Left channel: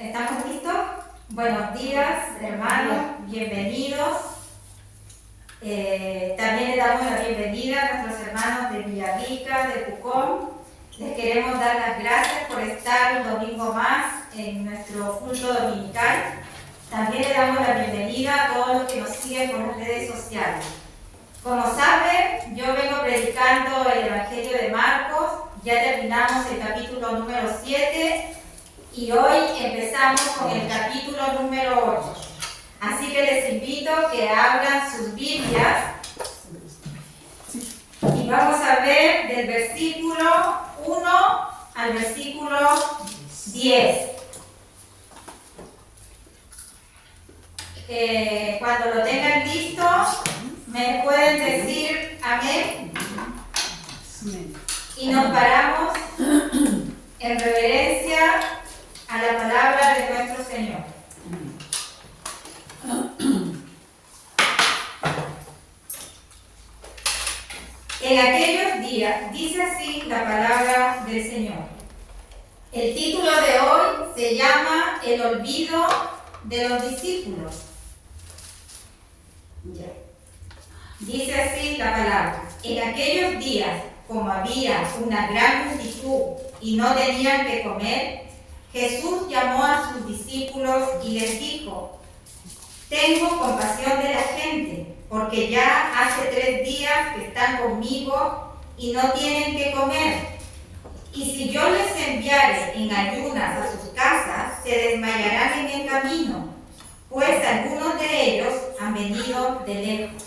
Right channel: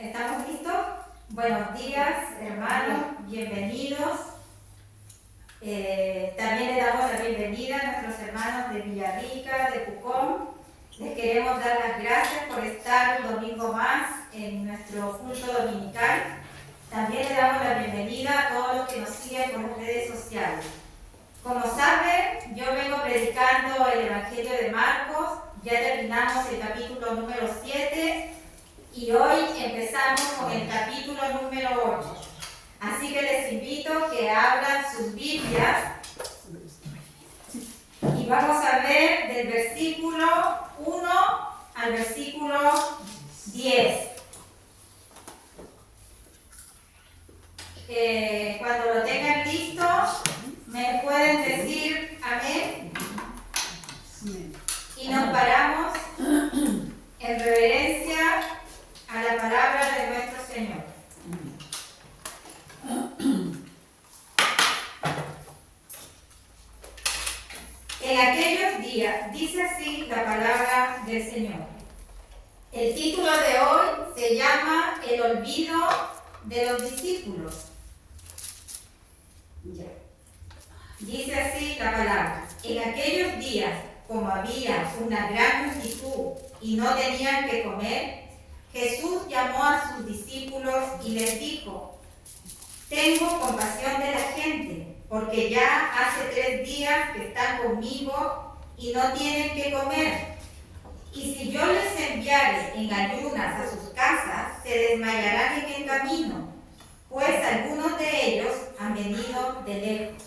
¿Estamos listos? Buenos días, hermanos, bienvenidos. También le damos la bienvenida a nuestros hermanos de Villarrica, de Pucón. Les queremos dar las gracias por estar un domingo más en nuestro culto dominical. También le damos la bienvenida a todos los que nos siguen por las redes sociales. Como saben, yo vengo predicando el Evangelio de Marcos. Ya terminamos el capítulo número 7 y hoy empezamos con el capítulo número 8. Así que les invito a que abran sus Biblias y vamos a ver del versículo 1 al versículo 10. Cuando lo tengan listo, me pueden decir amén. Y nos paramos en reverencia a la palabra de nuestro Señor. En aquellos días, dice así la palabra del Señor. El título de hoy se llama El olvido de los discípulos. Dice así la palabra. En aquellos días, como había una gran multitud y no tenían que comer, Jesús llamó a sus discípulos y les dijo: tengo compasión de la gente, porque ya hace 3 días que están conmigo y no tienen que comer. Y si yo les enviare en ayunas a sus casas, se desmayarán en el camino, pues algunos de ellos han venido de lejos.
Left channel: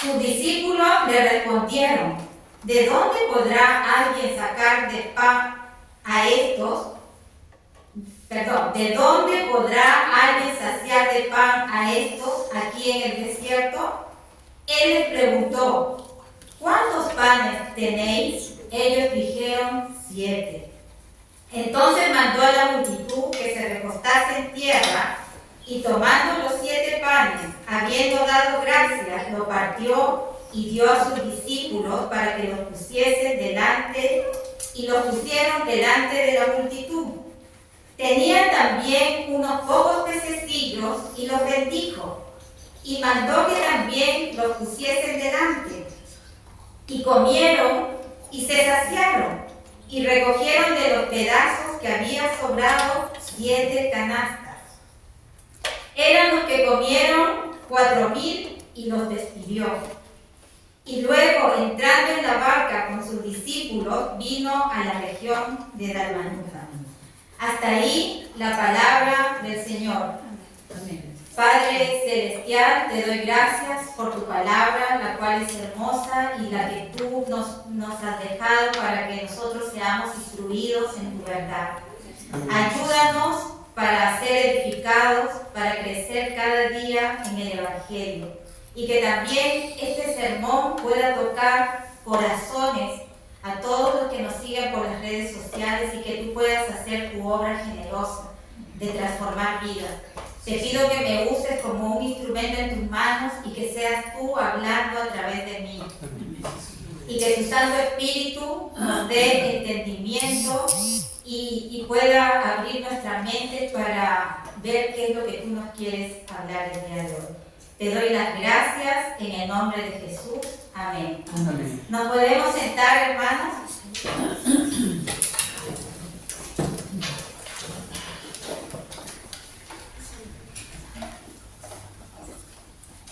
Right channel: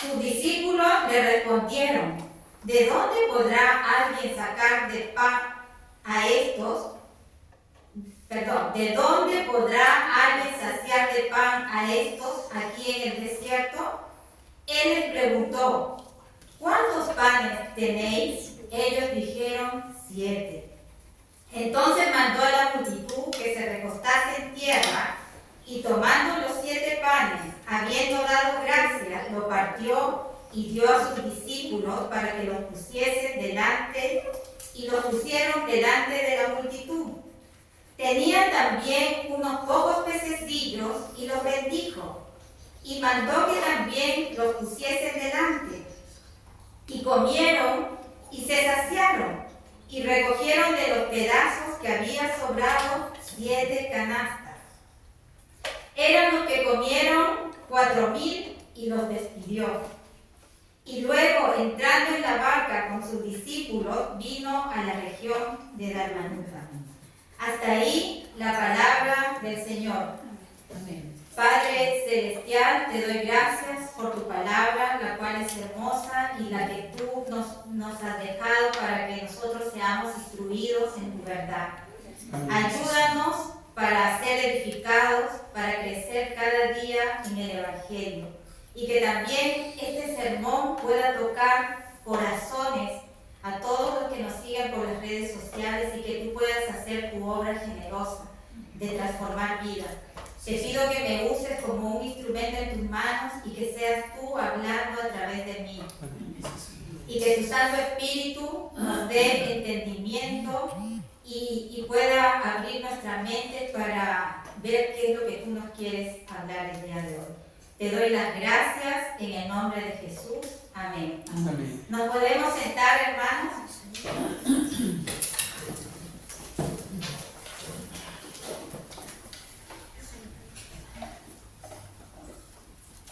Sus discípulos le respondieron: ¿de dónde podrá alguien sacar de pan a estos? ¿De dónde podrá alguien saciar de pan a estos aquí en el desierto? Él les preguntó: ¿cuántos panes tenéis? Ellos dijeron: 7. Entonces mandó a la multitud que se recostase en tierra, y tomando los 7 panes, habiendo dado gracias, lo partió y dio a sus discípulos para que los pusiesen delante, y los pusieron delante de la multitud. Tenían también unos pocos pececillos y los bendijo, y mandó que también los pusiesen delante. Y comieron y se saciaron, y recogieron de los pedazos que había sobrado 7 canastas. Eran los que comieron 4,000 y los despidió. Y luego, entrando en la barca con sus discípulos, vino a la región de Dalmanuta. Hasta ahí la palabra del Señor. Amén. Padre celestial, te doy gracias por tu palabra, la cual es hermosa y la que tú nos has dejado para que nosotros seamos instruidos en tu verdad. Ayúdanos para ser edificados, para crecer cada día en el Evangelio. Y que también este sermón pueda tocar corazones a todos los que nos sigan por las redes sociales y que tú puedas hacer tu obra generosa de transformar vidas. Te pido que me uses como un instrumento en tus manos y que seas tú hablando a través de mí. Y que tu Santo Espíritu nos dé entendimiento y pueda abrir nuestra mente para ver qué es lo que tú nos quieres hablar el día de hoy. Te doy las gracias en el nombre de Jesús. Amén. Amén. ¿Nos podemos sentar, hermanos?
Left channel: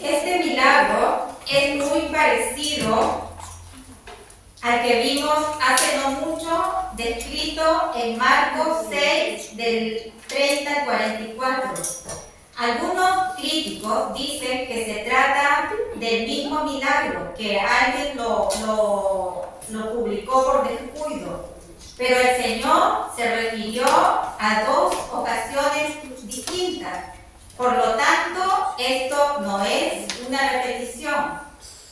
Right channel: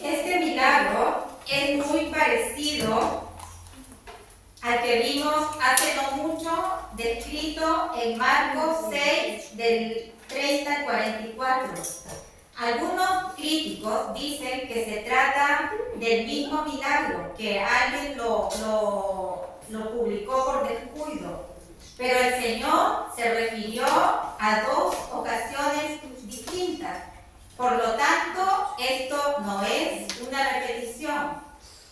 Este milagro es muy parecido al que vimos hace no mucho, descrito en Marcos 6, del 30 al 44. Algunos críticos dicen que se trata del mismo milagro, que alguien lo publicó por descuido, pero el Señor se refirió a 2 ocasiones distintas. Por lo tanto, esto no es una repetición.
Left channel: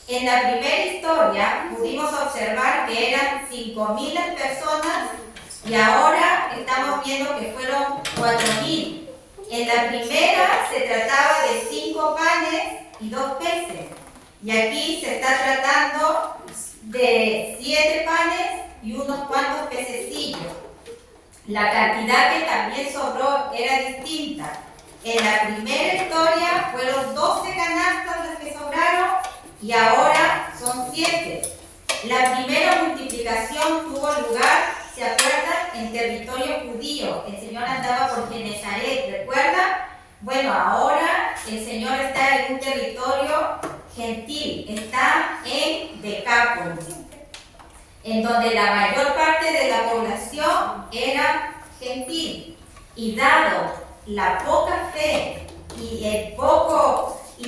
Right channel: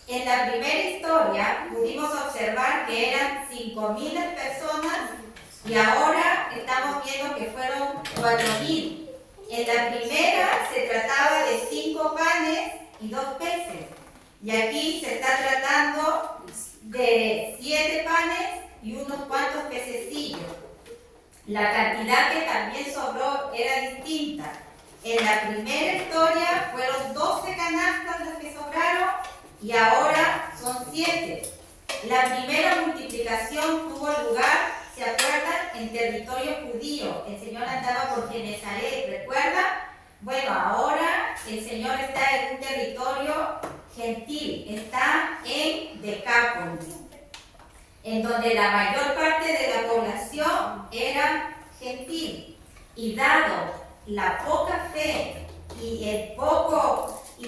En la primera historia pudimos observar que eran 5,000 personas y ahora estamos viendo que fueron 4,000. En la primera se trataba de 5 panes y 2 peces. Y aquí se está tratando de 7 panes y unos cuantos pececillos. La cantidad que también sobró era distinta. En la primera historia fueron 12 canastas las que sobraron y ahora son 7. La primera multiplicación tuvo lugar, ¿se acuerdan?, en territorio judío. El Señor andaba por Genezaret, ¿recuerdan? Bueno, ahora el Señor está en un territorio gentil, está en Decápolis, en donde la mayor parte de la población era gentil. Y dado la poca fe y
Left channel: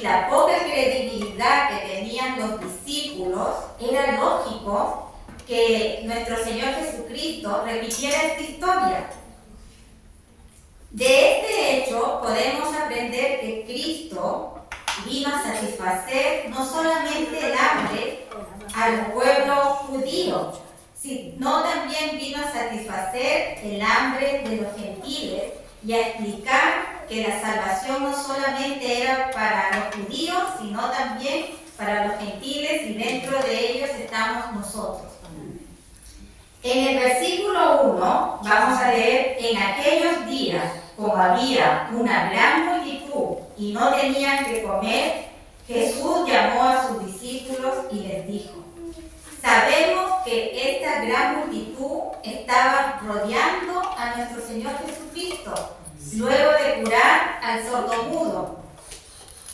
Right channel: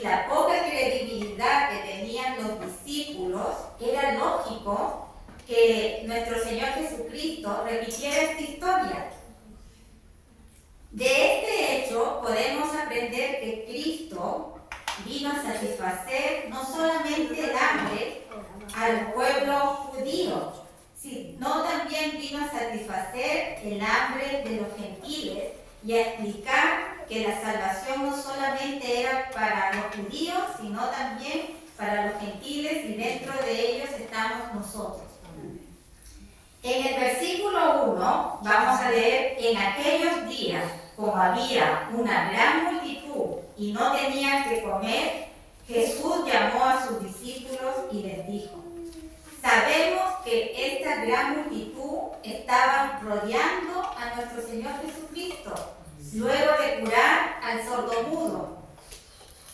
la poca credibilidad que tenían los discípulos, era lógico que nuestro Señor Jesucristo repitiera esta historia. De este hecho podemos aprender que Cristo vino a satisfacer no solamente el hambre al pueblo judío, sino también vino a satisfacer el hambre de los gentiles y a explicar que la salvación no solamente era para los judíos, sino también para los gentiles, y dentro de ellos estamos nosotros. En el versículo 1 vamos a leer: en aquellos días, como había una gran multitud y no tenían que comer, Jesús llamó a sus discípulos y les dijo: sabemos que esta gran multitud estaba rodeando a nuestro Señor Jesucristo, luego de curar al sordomudo.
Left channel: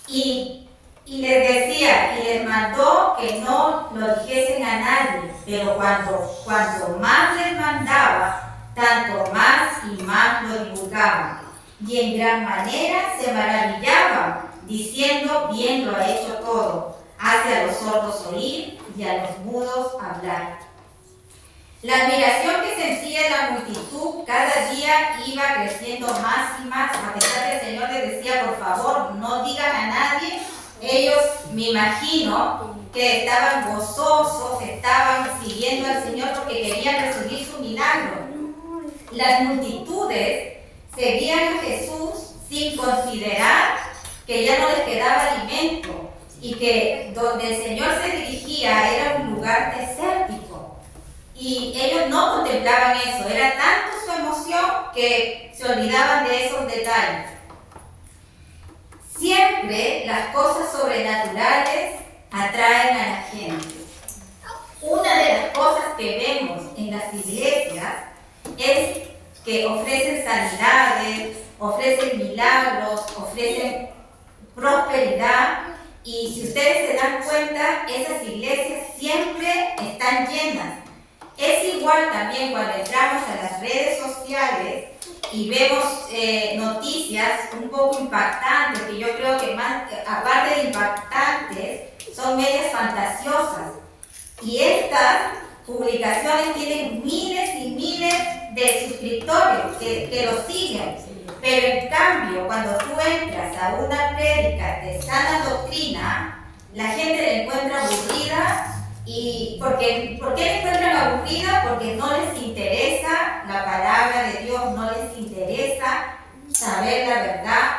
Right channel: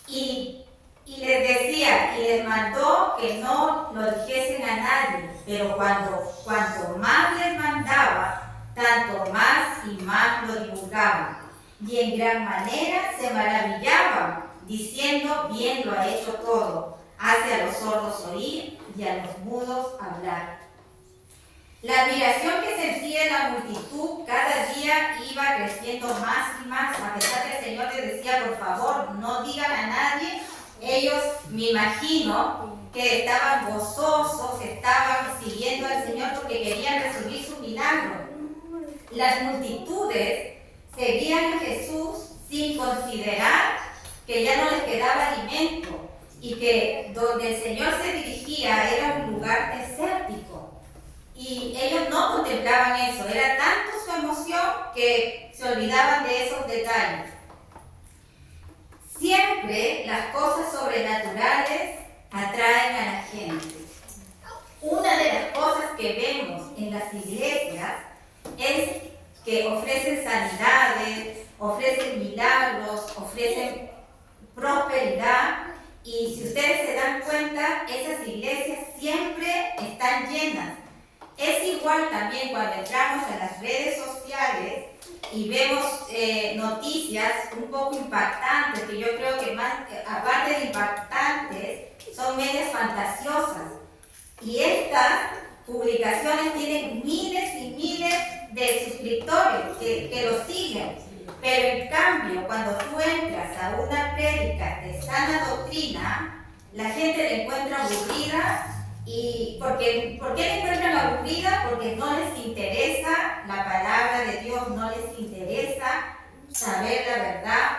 Y les decía, y les mandó que no lo dijesen a nadie, pero cuanto más les mandaba, tanto más y más lo divulgaban. Y en gran manera se maravillaban, diciendo: bien lo ha hecho todo, hace a los sordos oír y a los mudos hablar. La admiración que sentía la multitud cada día iba creciendo más y más, a pesar que el Señor les decía: por favor, no digan a nadie. Ellos, me imagino, que estaban gozosos, estaban siguiendo al Señor porque querían recibir su milagro. Las multitudes seguían a Jesús sin considerar que ya no les quedaba alimento y que donde el Señor se dirigía era un lugar desértico. Y ellos no contemplaban eso, era tanto su emoción que se olvidaban de esos detalles. Siempre las cosas sobrenaturales atraen a la gente. Una de las cosas que vemos en las iglesias es que ofrecen sanidades, ofrecen milagros, ofrecen prosperidad, y si ustedes se dan cuenta, esas iglesias siempre están llenas. Es igual también cuando entramos a las redes sociales y vemos noticias un poco impactantes, que yo creo que más, aparte de impactantes, son medias fantasiosas. Y estas publicaciones tienen miles y miles de suscriptores que los siguen. Pero en cambio, cuando tú entras a una prédica de sana doctrina, la gente la encuentra aburrida. ¿Y por qué la encuentran aburrida? Porque no les interesa la palabra de Dios, no les interesa saber la verdad.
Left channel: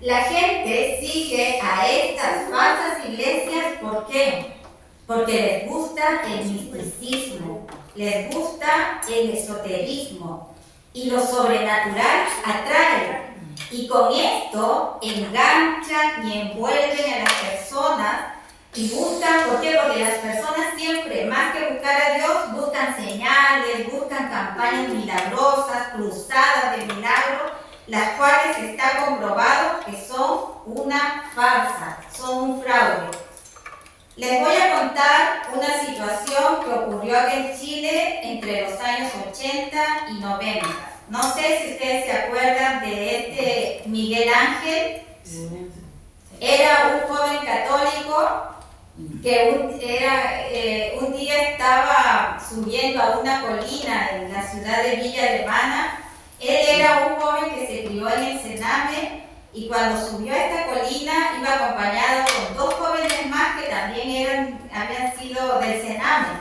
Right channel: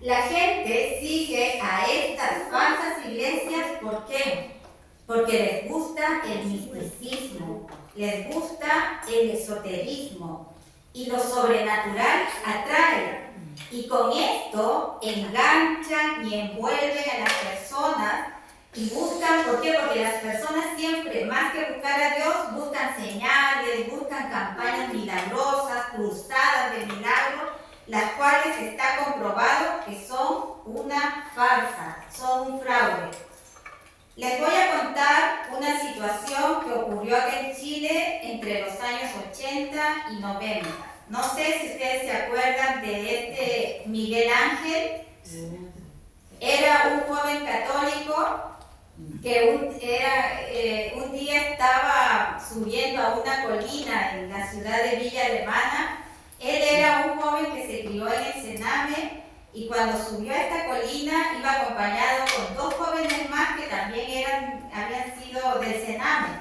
La gente sigue a estas falsas iglesias, ¿por qué? Porque les gusta el misticismo, les gusta el esoterismo, y lo sobrenatural atrae. Y con esto enganchan y envuelven a las personas y buscan. ¿Por qué? Porque las personas siempre, más que buscar a Dios, buscan señales, buscan campañas milagrosas, cruzadas de milagros, las cuales está comprobado que son una farsa, son un fraude. Les voy a contar una situación que ocurrió aquí en Chile entre los años 80 y 90. No sé si ustedes se acuerdan de este Miguel Ángel. Era un joven católico que un día estaba subiendo a una colina en la ciudad de Villa Alemana. Él era un joven que se crió en el Sename, y cuando subió a esta colina iba acompañado con 2 jóvenes más que también habían sido del Sename.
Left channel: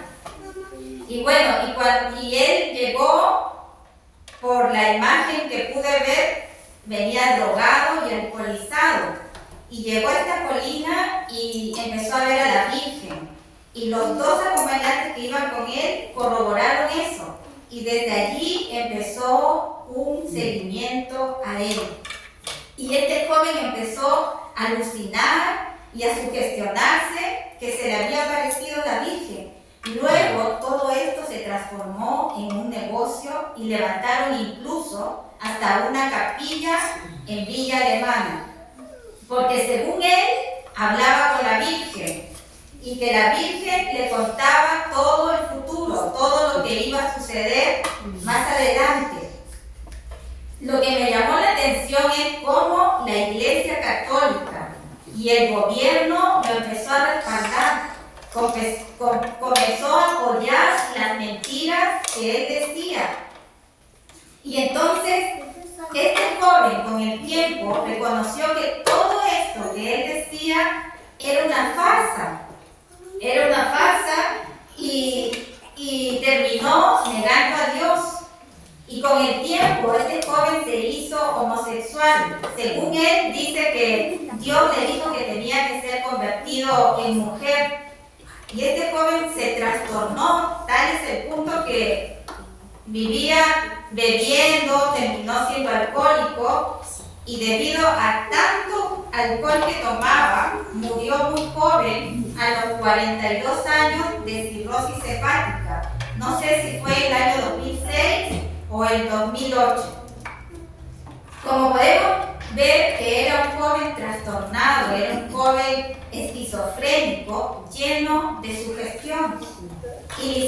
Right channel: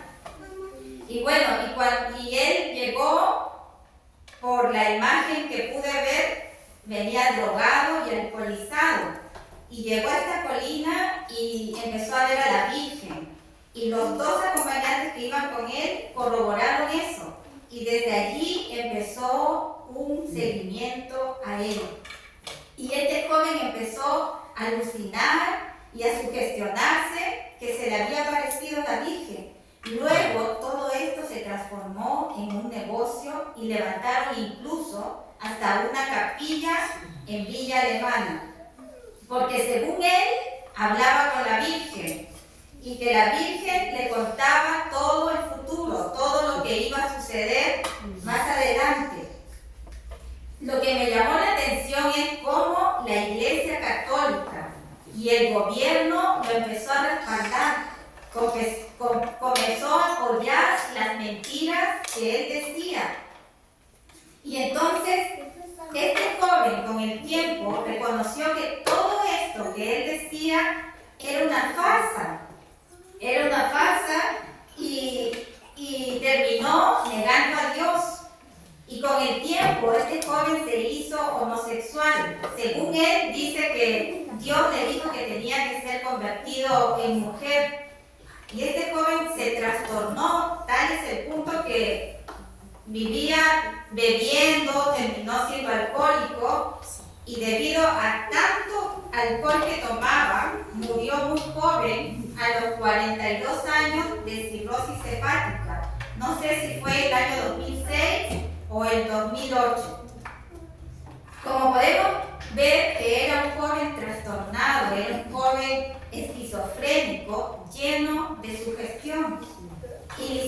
Y bueno, y él llegó, por la imagen que pude ver, venía drogado y alcoholizado. Y llegó a esta colina y empezó a ver a la Virgen. Y los 2 acompañantes que iban con él corroboraron eso. y desde allí empezó un seguimiento a él. Y este joven empezó a alucinar y a sugestionarse que se le había aparecido la Virgen. Luego todo esto se transformó en un negocio y levantaron incluso hasta una capilla en Villa Alemana, porque según él hablaba con la Virgen y que la Virgen le contaba todo el futuro, todo lo que iba a suceder más adelante. Lo que me llamó la atención es cómo la Iglesia Católica y el gobierno lo empezó a respaldar, comenzó a apoyar las mentiras que él decía. Y entonces este joven con el tiempo reconoció que todo esto que él decía era una farsa y terminó negando a Dios. Y con el tiempo este joven se hizo homosexual. Según él dice que Dios le dijo que tenía que ser convertido en mujer. Y este joven se trastornó, tal es el punto que vivía bebiendo, terminó siendo alcohólico y debido a tanto alcohol que tomaba, murió muy joven a los 42 años de cirrosis hepática. No sé si fue el año 2006 o el 2008. Como podemos ver que era un joven trastornado, era un joven esquizofrénico, lleno de sugestión. Y le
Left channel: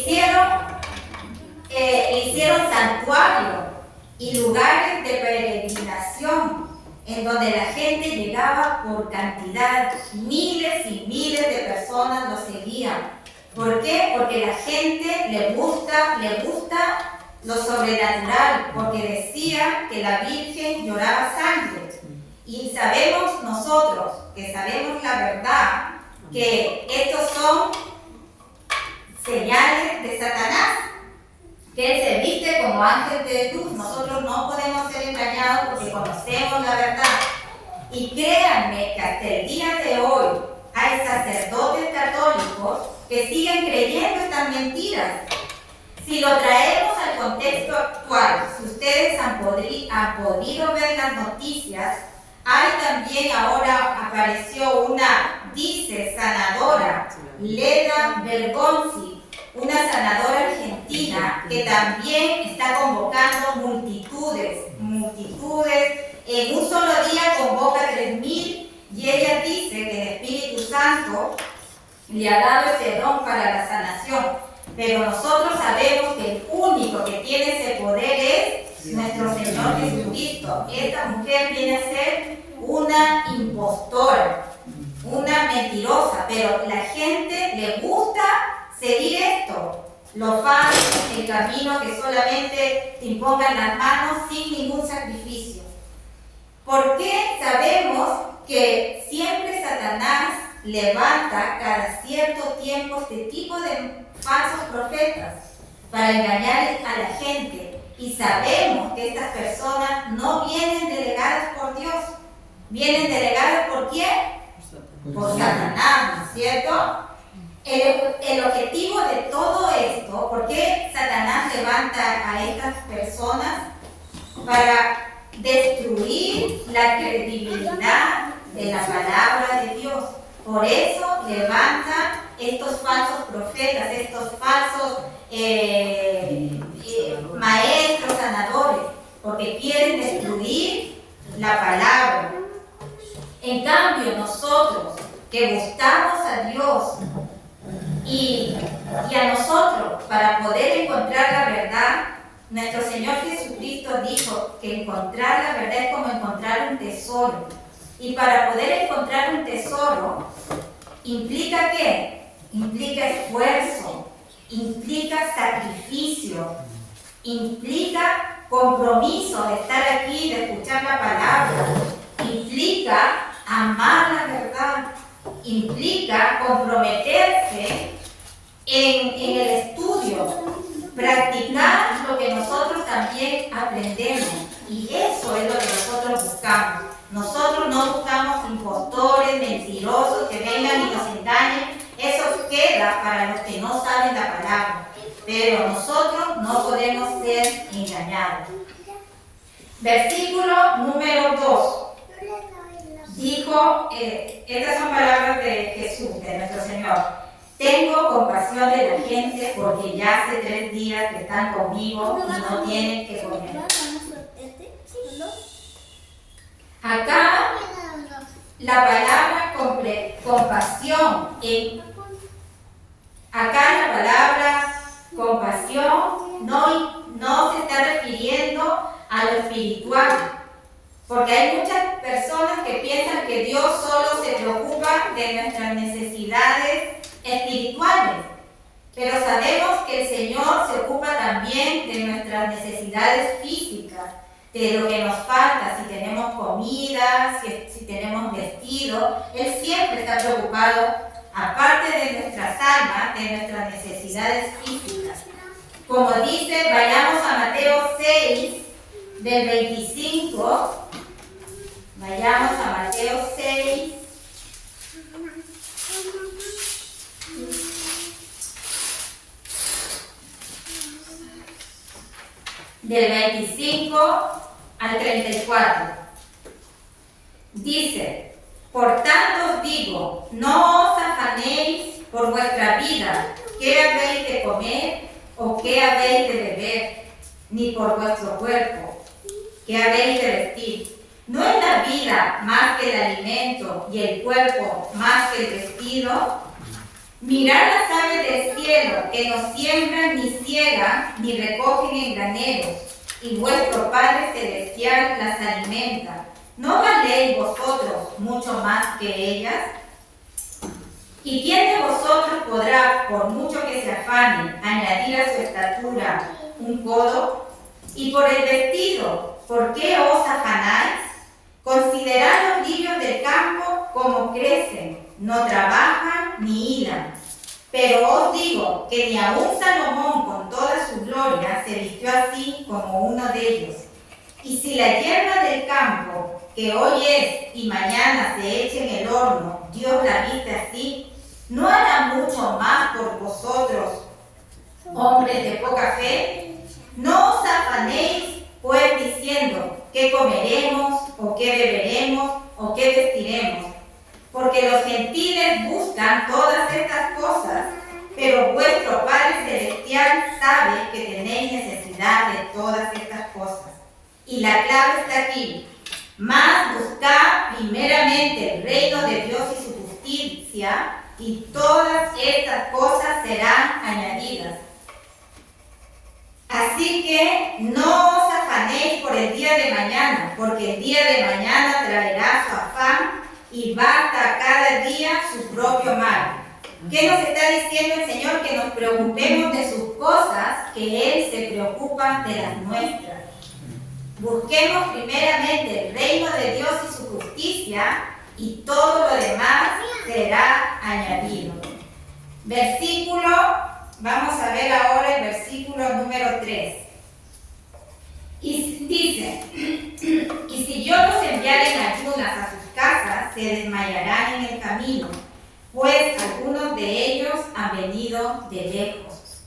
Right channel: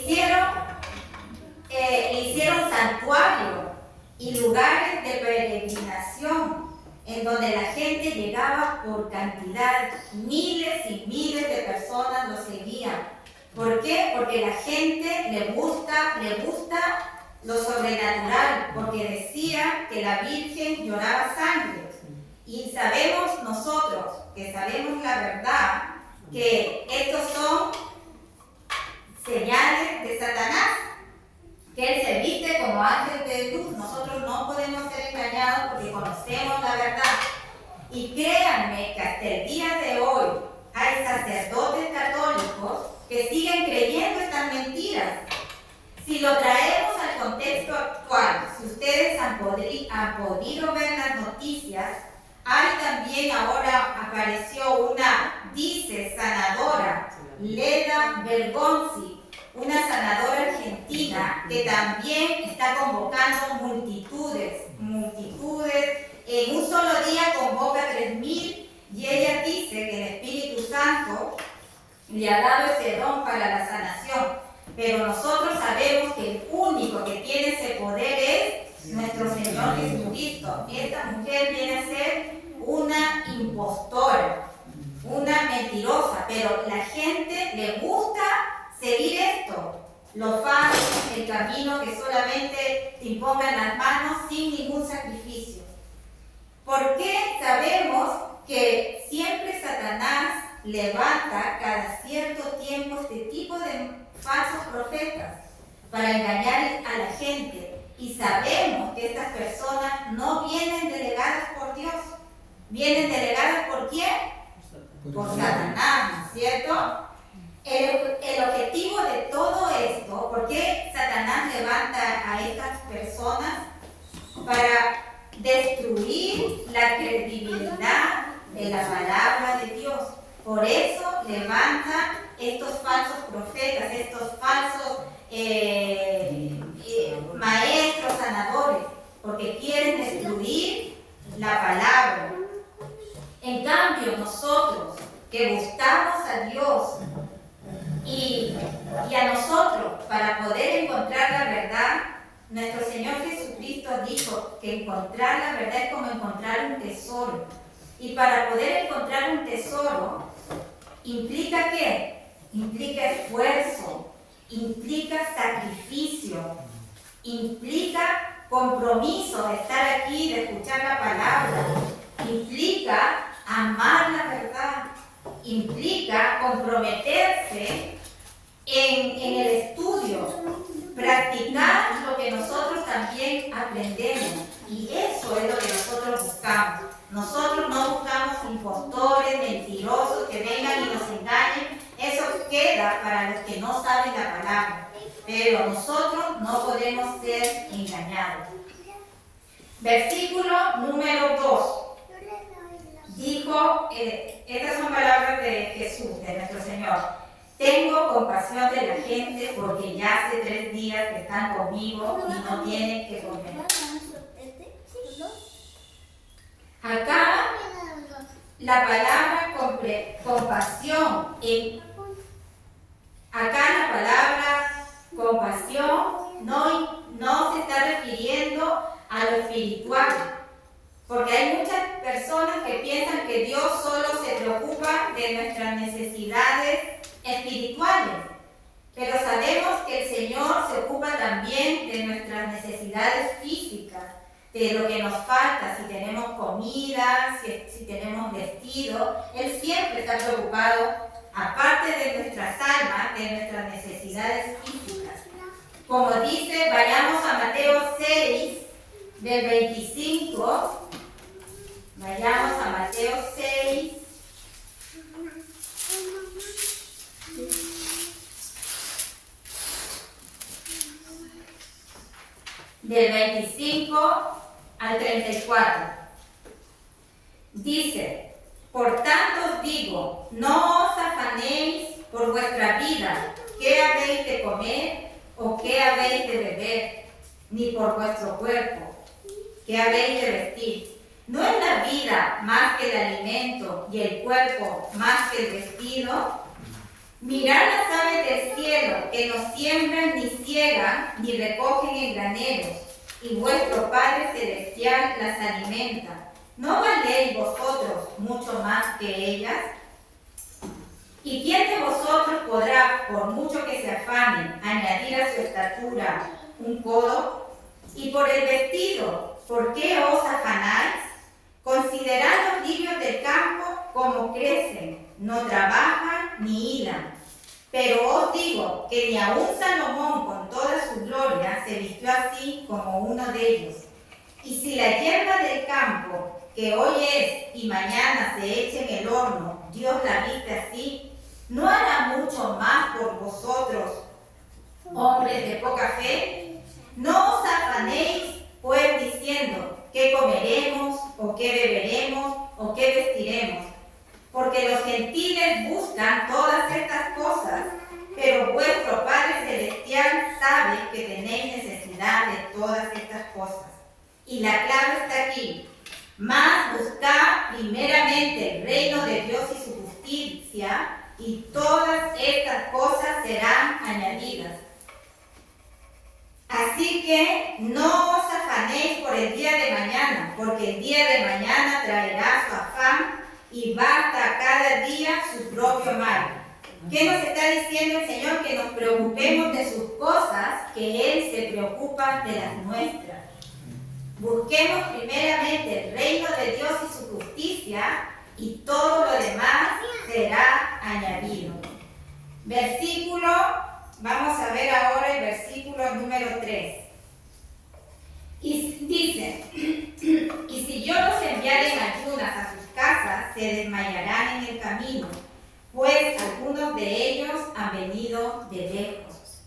hicieron santuario y lugares de peregrinación en donde la gente llegaba por cantidad, miles y miles de personas lo seguían. ¿Por qué? Porque la gente le gusta lo sobrenatural, porque decía que la Virgen lloraba sangre. Y sabemos nosotros, que sabemos la verdad, que estos son señales de Satanás, que él se viste como ángel de luz. Nosotros no podemos ser engañados porque conocemos la verdad. Y créanme que hasta el día de hoy hay sacerdotes católicos que siguen creyendo estas mentiras. Si lo traemos al contexto actual, si ustedes han podido ver las noticias, hay también ahora apareció una, dice, sanadora, Leda Bergonzi, una sanadora argentina que también está convocando multitudes, en un solo día convoca 3.000 y ella dice que el Espíritu Santo le ha dado ese don para la sanación. Pero nosotros sabemos que el único que tiene ese poder es nuestro Señor Jesucristo. Esta mujer viene a ser una impostora, una mentirosa, pero la gente le gusta seguir esto, lo fácil, el camino que solamente te impongan las manos sin ningún sacrificio. ¿Por qué sabemos que siempre Satanás levanta cada cierto tiempo este tipo de falsos profetas para engañar a la gente? Y sabemos que estas personas no vienen delegadas por Dios, vienen delegadas por ¿quién? Por Satanás, ¿no es cierto? El objetivo de todo esto, ¿por qué Satanás levanta a estas personas? Para destruir la credibilidad de la palabra de Dios. Por eso levantan estos falsos profetas, estos falsos maestros sanadores, porque quieren destruir la palabra. En cambio, nosotros que buscamos a Dios y a nosotros para poder encontrar la verdad, nuestro Señor Jesucristo dijo que encontrar la verdad es como encontrar un tesoro. Y para poder encontrar un tesoro, ¿implica qué? Implica esfuerzo, implica sacrificio, implica compromiso de estar aquí, de escuchar la palabra, implica amar la verdad, implica comprometerse en el estudio, practicar lo que nosotros también aprendemos. Y eso es lo que nosotros buscamos. Nosotros no buscamos impostores, mentirosos que vengan y nos engañen. Eso queda para los que no saben la palabra. pero nosotros no podemos ser engañados. Versículo número 2. Dijo, estas son palabras de Jesús, de nuestro Señor. Tengo compasión de la gente porque ya hace 3 días que están conmigo y no tienen que comer. Acá la palabra compasión, no se está refiriendo a lo espiritual, porque hay muchas personas que piensan que Dios solo se preocupa de nuestras necesidades espirituales, pero sabemos que el Señor se ocupa también de nuestras necesidades físicas, de lo que nos falta, si tenemos comida, si tenemos vestido. Él siempre está preocupado, aparte de nuestras almas, de nuestras necesidades físicas. Como dice, vayamos a Mateo 6, del 25. Vayamos a Mateo 6. Del 25 al 34. Dice: por tanto os digo, no os afanéis por vuestra vida, qué habéis de comer o qué habéis de beber, ni por vuestro cuerpo, qué habéis de vestir. ¿No es la vida más que el alimento y el cuerpo más que el vestido? Mirad las aves del cielo, que no siembran, ni ciegan, ni recogen en graneros, y vuestro Padre Celestial las alimenta. ¿No valéis vosotros mucho más que ellas? ¿Y quién de vosotros podrá, por mucho que se afane, añadir a su estatura un codo? Y por el vestido, ¿por qué os afanáis? Considerad los lirios del campo como crecen, no trabajan ni hilan. Pero os digo que ni aun Salomón con toda su gloria se vistió así como uno de ellos. Y si la hierba del campo, que hoy es y mañana se echa en el horno, Dios la viste así, ¿no hará mucho más por vosotros, hombres de poca fe? No os afanéis, pues, diciendo, ¿qué comeremos, o qué beberemos, o qué vestiremos? Porque los gentiles buscan todas estas cosas, pero vuestro Padre Celestial sabe que tenéis necesidad de todas estas cosas. Y la clave está aquí. Mas buscad primeramente el reino de Dios y su justicia, y todas estas cosas serán añadidas. Así que no os afanéis por el día de mañana, porque el día de mañana traerá su afán, y basta a cada día su propio mal. ¿Qué nos está diciendo el Señor? Que nos preocupemos de sus cosas, que Él se preocupa de las nuestras. Busquemos primeramente el reino de Dios y su justicia, y todo lo demás será añadido. Vamos a ver ahora el versículo número 3. Y dice: y si yo los enviare en ayunas a sus casas, se desmayarán en el camino, pues algunos de ellos han venido de lejos.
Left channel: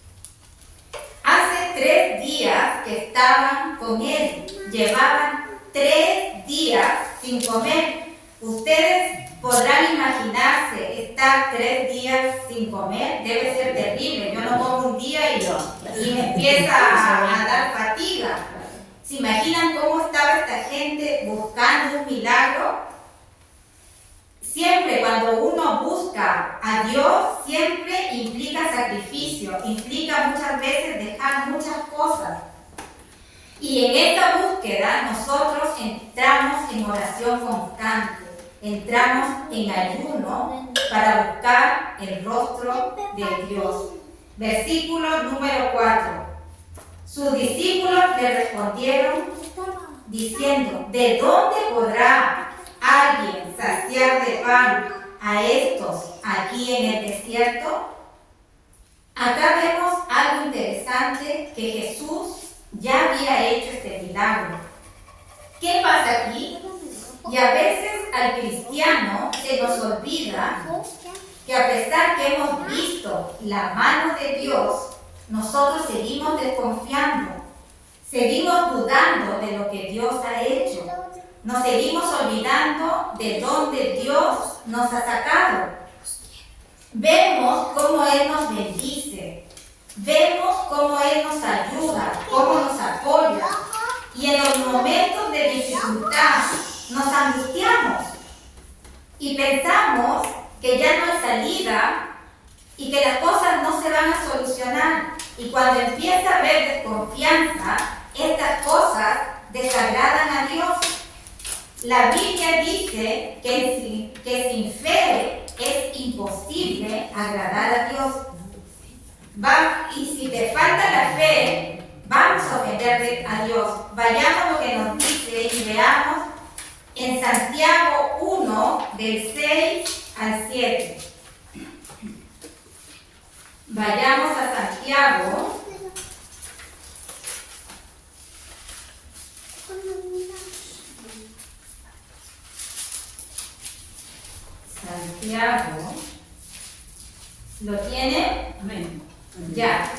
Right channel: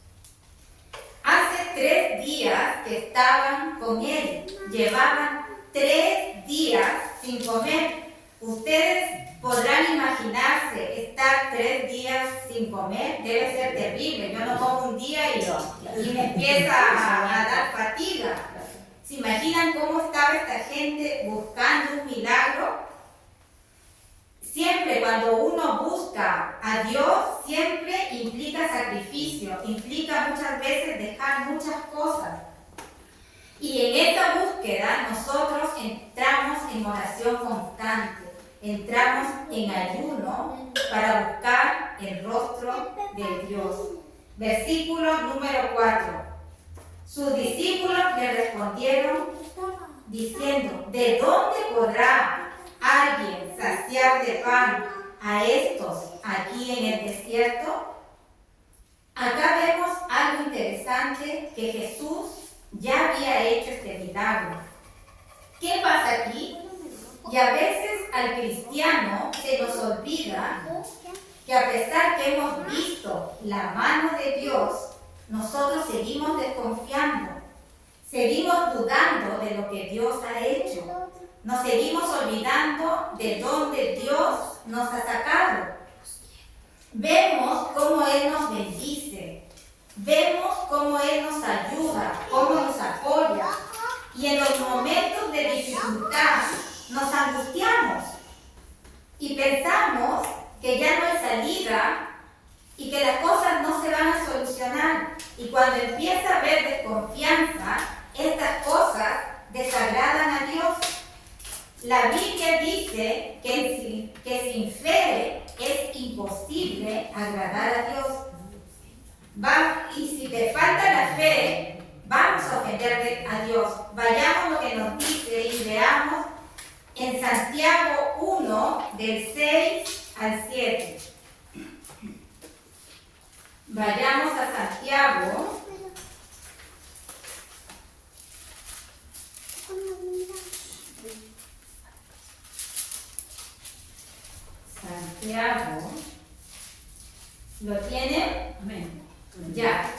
Hace 3 días que estaban con él, llevaban 3 días sin comer. Ustedes podrán imaginarse estar 3 días sin comer, debe ser terrible. Yo no como un día y me empieza a dar fatiga. ¿Se imaginan cómo estaba esta gente buscando un milagro? Siempre cuando uno busca a Dios, siempre implica sacrificio, implica muchas veces dejar muchas cosas. Y en esta búsqueda nosotros entramos en oración constante, entramos en ayuno para buscar el rostro de Dios. Versículo número 4. Sus discípulos le respondieron diciendo: ¿de dónde podrá alguien saciar de pan a estos aquí en el desierto? Acá vemos algo interesante, que Jesús ya había hecho este milagro. ¿Qué pasa aquí? Y a veces al cristiano se nos olvida que a pesar que hemos visto la mano de Dios, nosotros seguimos desconfiando, seguimos dudando de lo que Dios ha hecho, nos seguimos olvidando de dónde Dios nos ha sacado. Vemos cómo Él nos bendice, vemos cómo Él nos ayuda, cómo nos apoya, y en los momentos de dificultad nos angustiamos y pensamos que ya no hay salida y que las cosas no se van a solucionar. Y cuando empieza a haber desconfianza, estas cosas desagradan a Dios. La Biblia dice que sin fe es imposible agradar a Dios. Y si te falta la fe, vamos a ofender a Dios. Vayamos a lo que nos dice y veamos en Santiago 1, del 6 al 7. Vayamos a Santiago. Santiago. ¿Lo tiene? Amén. Ya.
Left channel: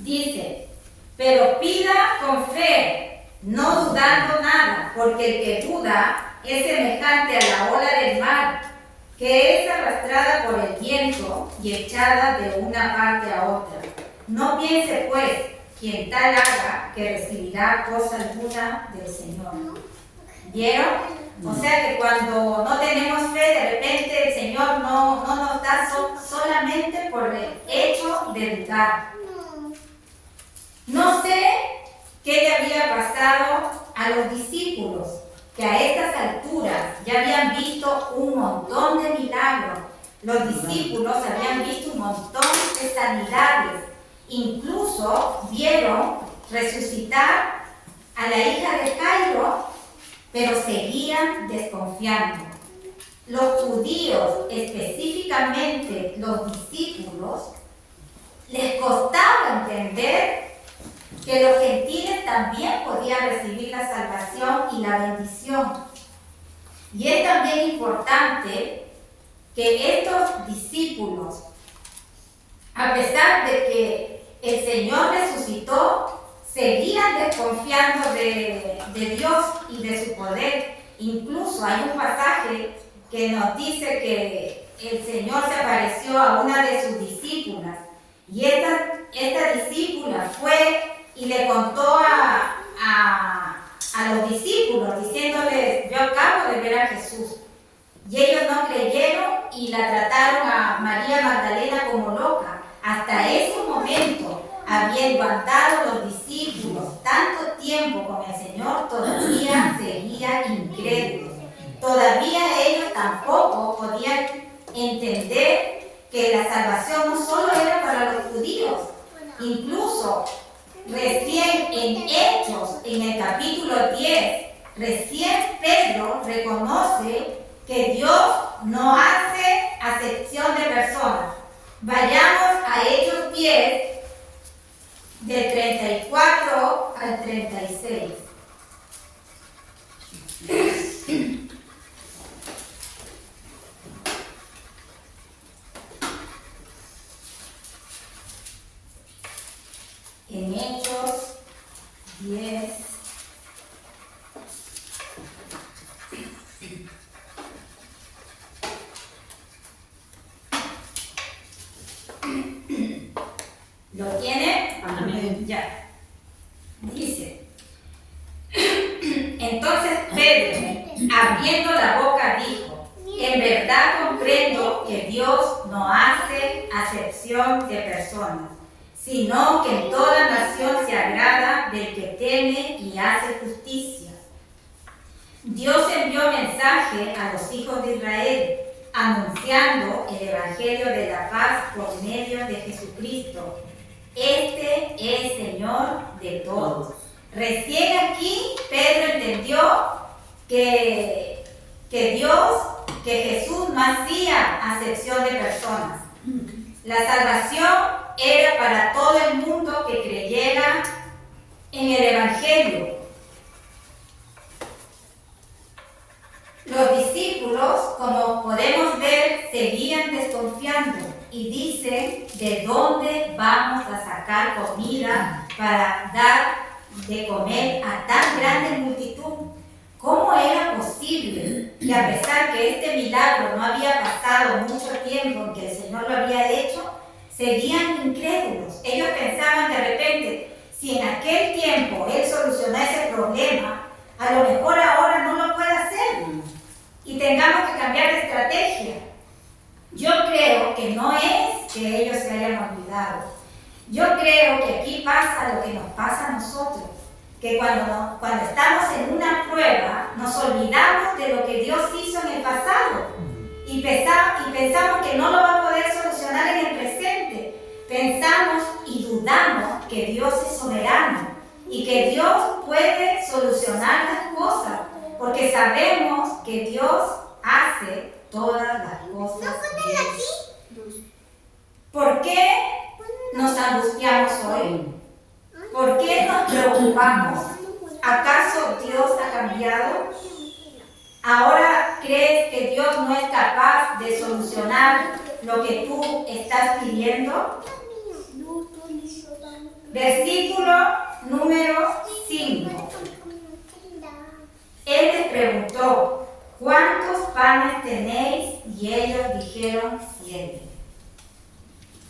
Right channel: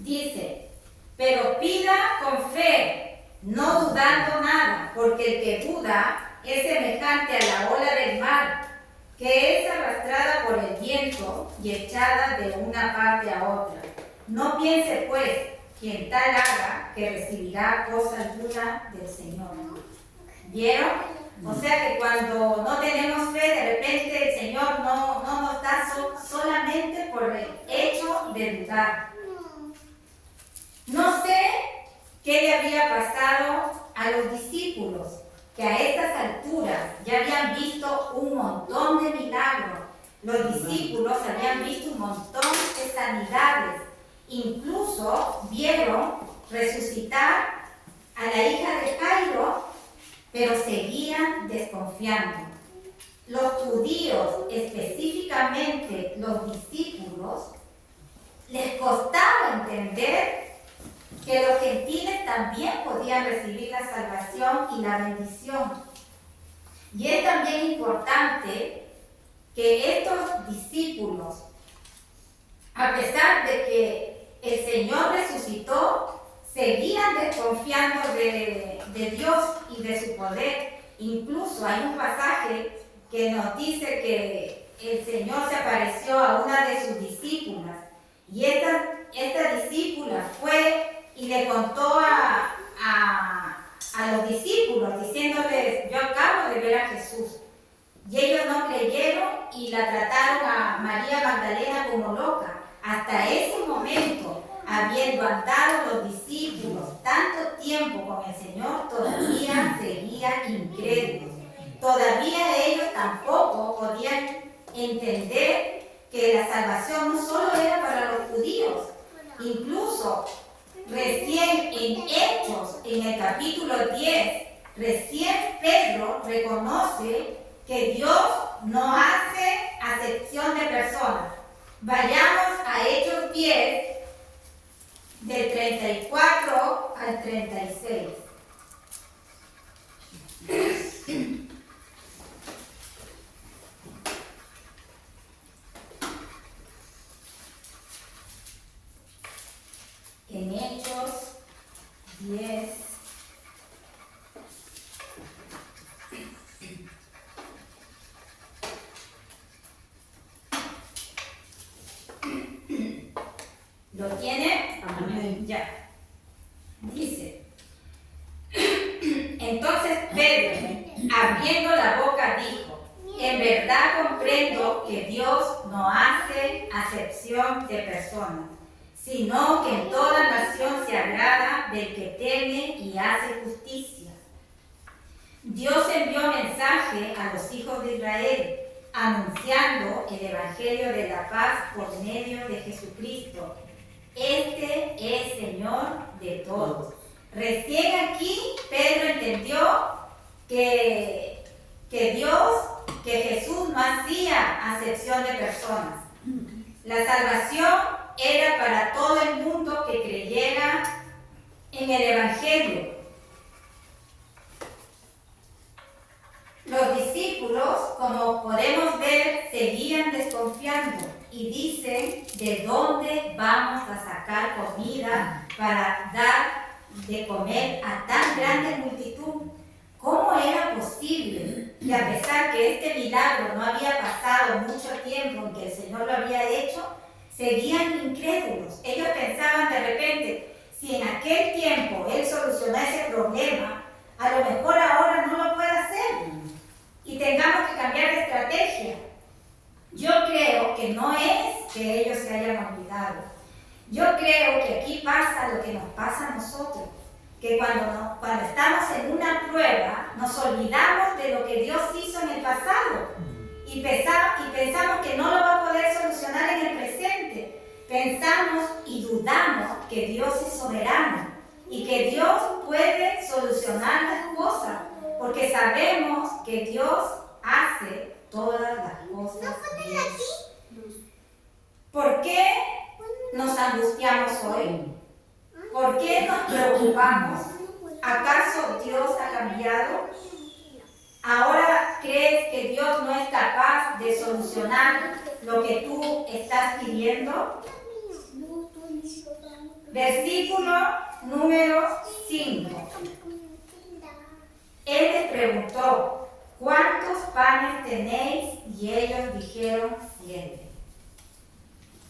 Dice, pero pida con fe, no dudando nada, porque el que duda es semejante a la ola del mar, que es arrastrada por el viento y echada de una parte a otra. No piense pues quien tal haga que recibirá cosa alguna del Señor. ¿Vieron? O sea que cuando no tenemos fe, de repente el Señor no nos da solamente por el hecho de dudar. No sé qué le había pasado a los discípulos, que a estas alturas ya habían visto un montón de milagros. Los discípulos habían visto un montón de sanidades. Incluso vieron resucitar a la hija de Jairo, pero seguían desconfiando. Los judíos, específicamente los discípulos, les costaba entender que los gentiles también podían recibir la salvación y la bendición. Y es también importante que estos discípulos, a pesar de que el Señor resucitó, seguían desconfiando de Dios y de su poder. Incluso hay un pasaje que nos dice que el Señor se apareció a una de sus discípulas, y esta discípula fue y le contó a los discípulos, diciéndoles, yo acabo de ver a Jesús. Y ellos no creyeron y la trataron a María Magdalena como loca. Hasta ese momento, habiendo andado los discípulos tanto tiempo con el Señor, todavía seguían incrédulos. Todavía ellos tampoco podían entender que la salvación no solo era para los judíos. Incluso recién en Hechos, en el capítulo 10, recién Pedro reconoce que Dios no hace acepción de personas. Vayamos a Hechos 10, del 34 al 36. En Hechos 10, ¿lo tiene? Amén. Ya. Dice, entonces Pedro, abriendo la boca, dijo, en verdad comprendo que Dios no hace acepción de personas, sino que en toda nación se agrada del que teme y hace justicia. Dios envió mensaje a los hijos de Israel, anunciando el evangelio de la paz por medio de Jesucristo. Este es Señor de todos. Recién aquí Pedro entendió que Jesús no hacía acepción de personas. La salvación era para todo el mundo que creyera en el evangelio. Los discípulos, como podemos ver, seguían desconfiando y dicen, ¿de dónde vamos a sacar para dar de comer a tan grande multitud. ¿Cómo era posible que a pesar que este milagro no había pasado mucho tiempo en que el Señor lo había hecho, seguían incrédulos? Ellos pensaban de repente, si en aquel tiempo Él solucionó ese problema, a lo mejor ahora no lo puede hacer y tengamos que cambiar de estrategia. Yo creo que no es que ellos se hayan olvidado. Yo creo que aquí pasa lo que nos pasa a nosotros, que cuando estamos en una prueba nos olvidamos de lo que Dios hizo en el pasado y pensamos que no lo va a poder solucionar en el presente. Pensamos y dudamos que Dios es soberano y que Dios puede solucionar las cosas, porque sabemos que Dios hace todas las cosas bien. ¿Por qué nos angustiamos hoy? ¿Por qué nos preocupamos? ¿Acaso Dios ha cambiado? ¿Ahora crees que Dios no es capaz de solucionar lo que tú estás pidiendo? Versículo número 5. Él les preguntó, ¿cuántos panes tenéis? Y ellos dijeron 7.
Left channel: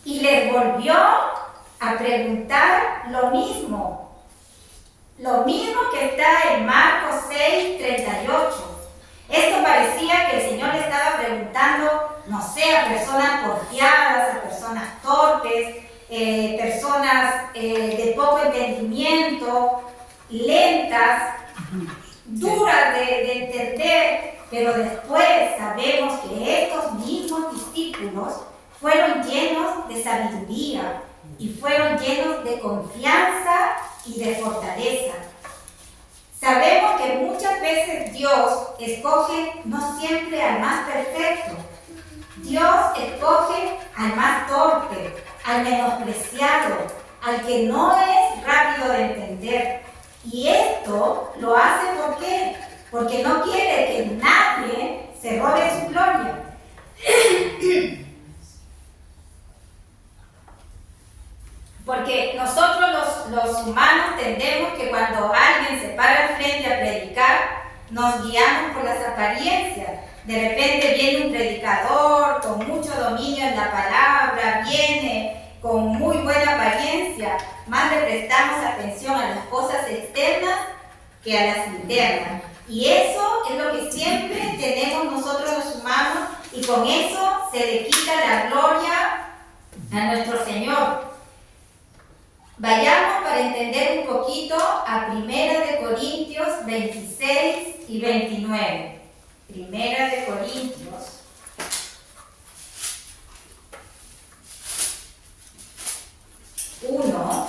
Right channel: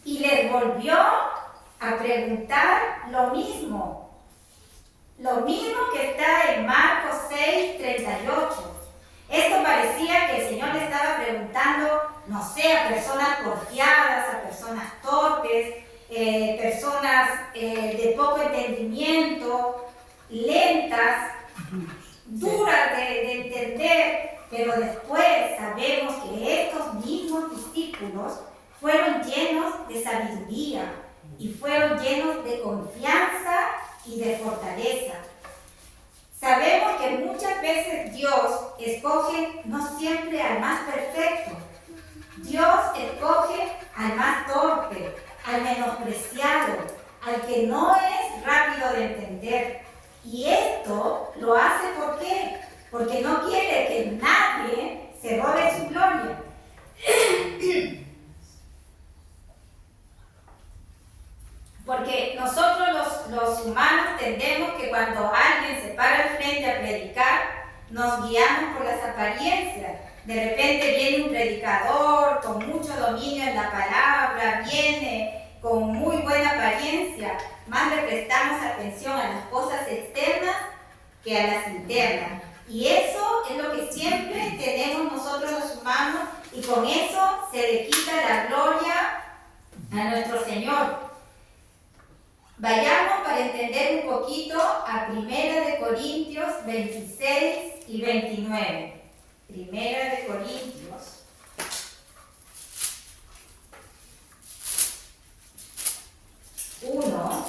Y les volvió a preguntar lo mismo que está en Marcos 6:38. Esto parecía que el Señor le estaba preguntando, no sé, a personas porfiadas, a personas torpes, personas de poco entendimiento, lentas, duras de entender, pero después sabemos que estos mismos discípulos fueron llenos de sabiduría y fueron llenos de confianza y de fortaleza. Sabemos que muchas veces Dios escoge no siempre al más perfecto. Dios escoge al más torpe, al menospreciado, al que no es rápido de entender. Y esto lo hace ¿por qué? Porque no quiere que nadie se robe su gloria. Porque nosotros los humanos tendemos que cuando alguien se para al frente a predicar, nos guiamos por las apariencias. De repente viene un predicador con mucho dominio en la palabra, viene con muy buena apariencia, más le prestamos atención a las cosas externas que a las internas. Y eso es lo que siempre tenemos nosotros los humanos, y con eso se le quita la gloria a nuestro Señor. Vayamos para entender un poquito a 1 Corintios 26 y 29. 1 Corintios 1,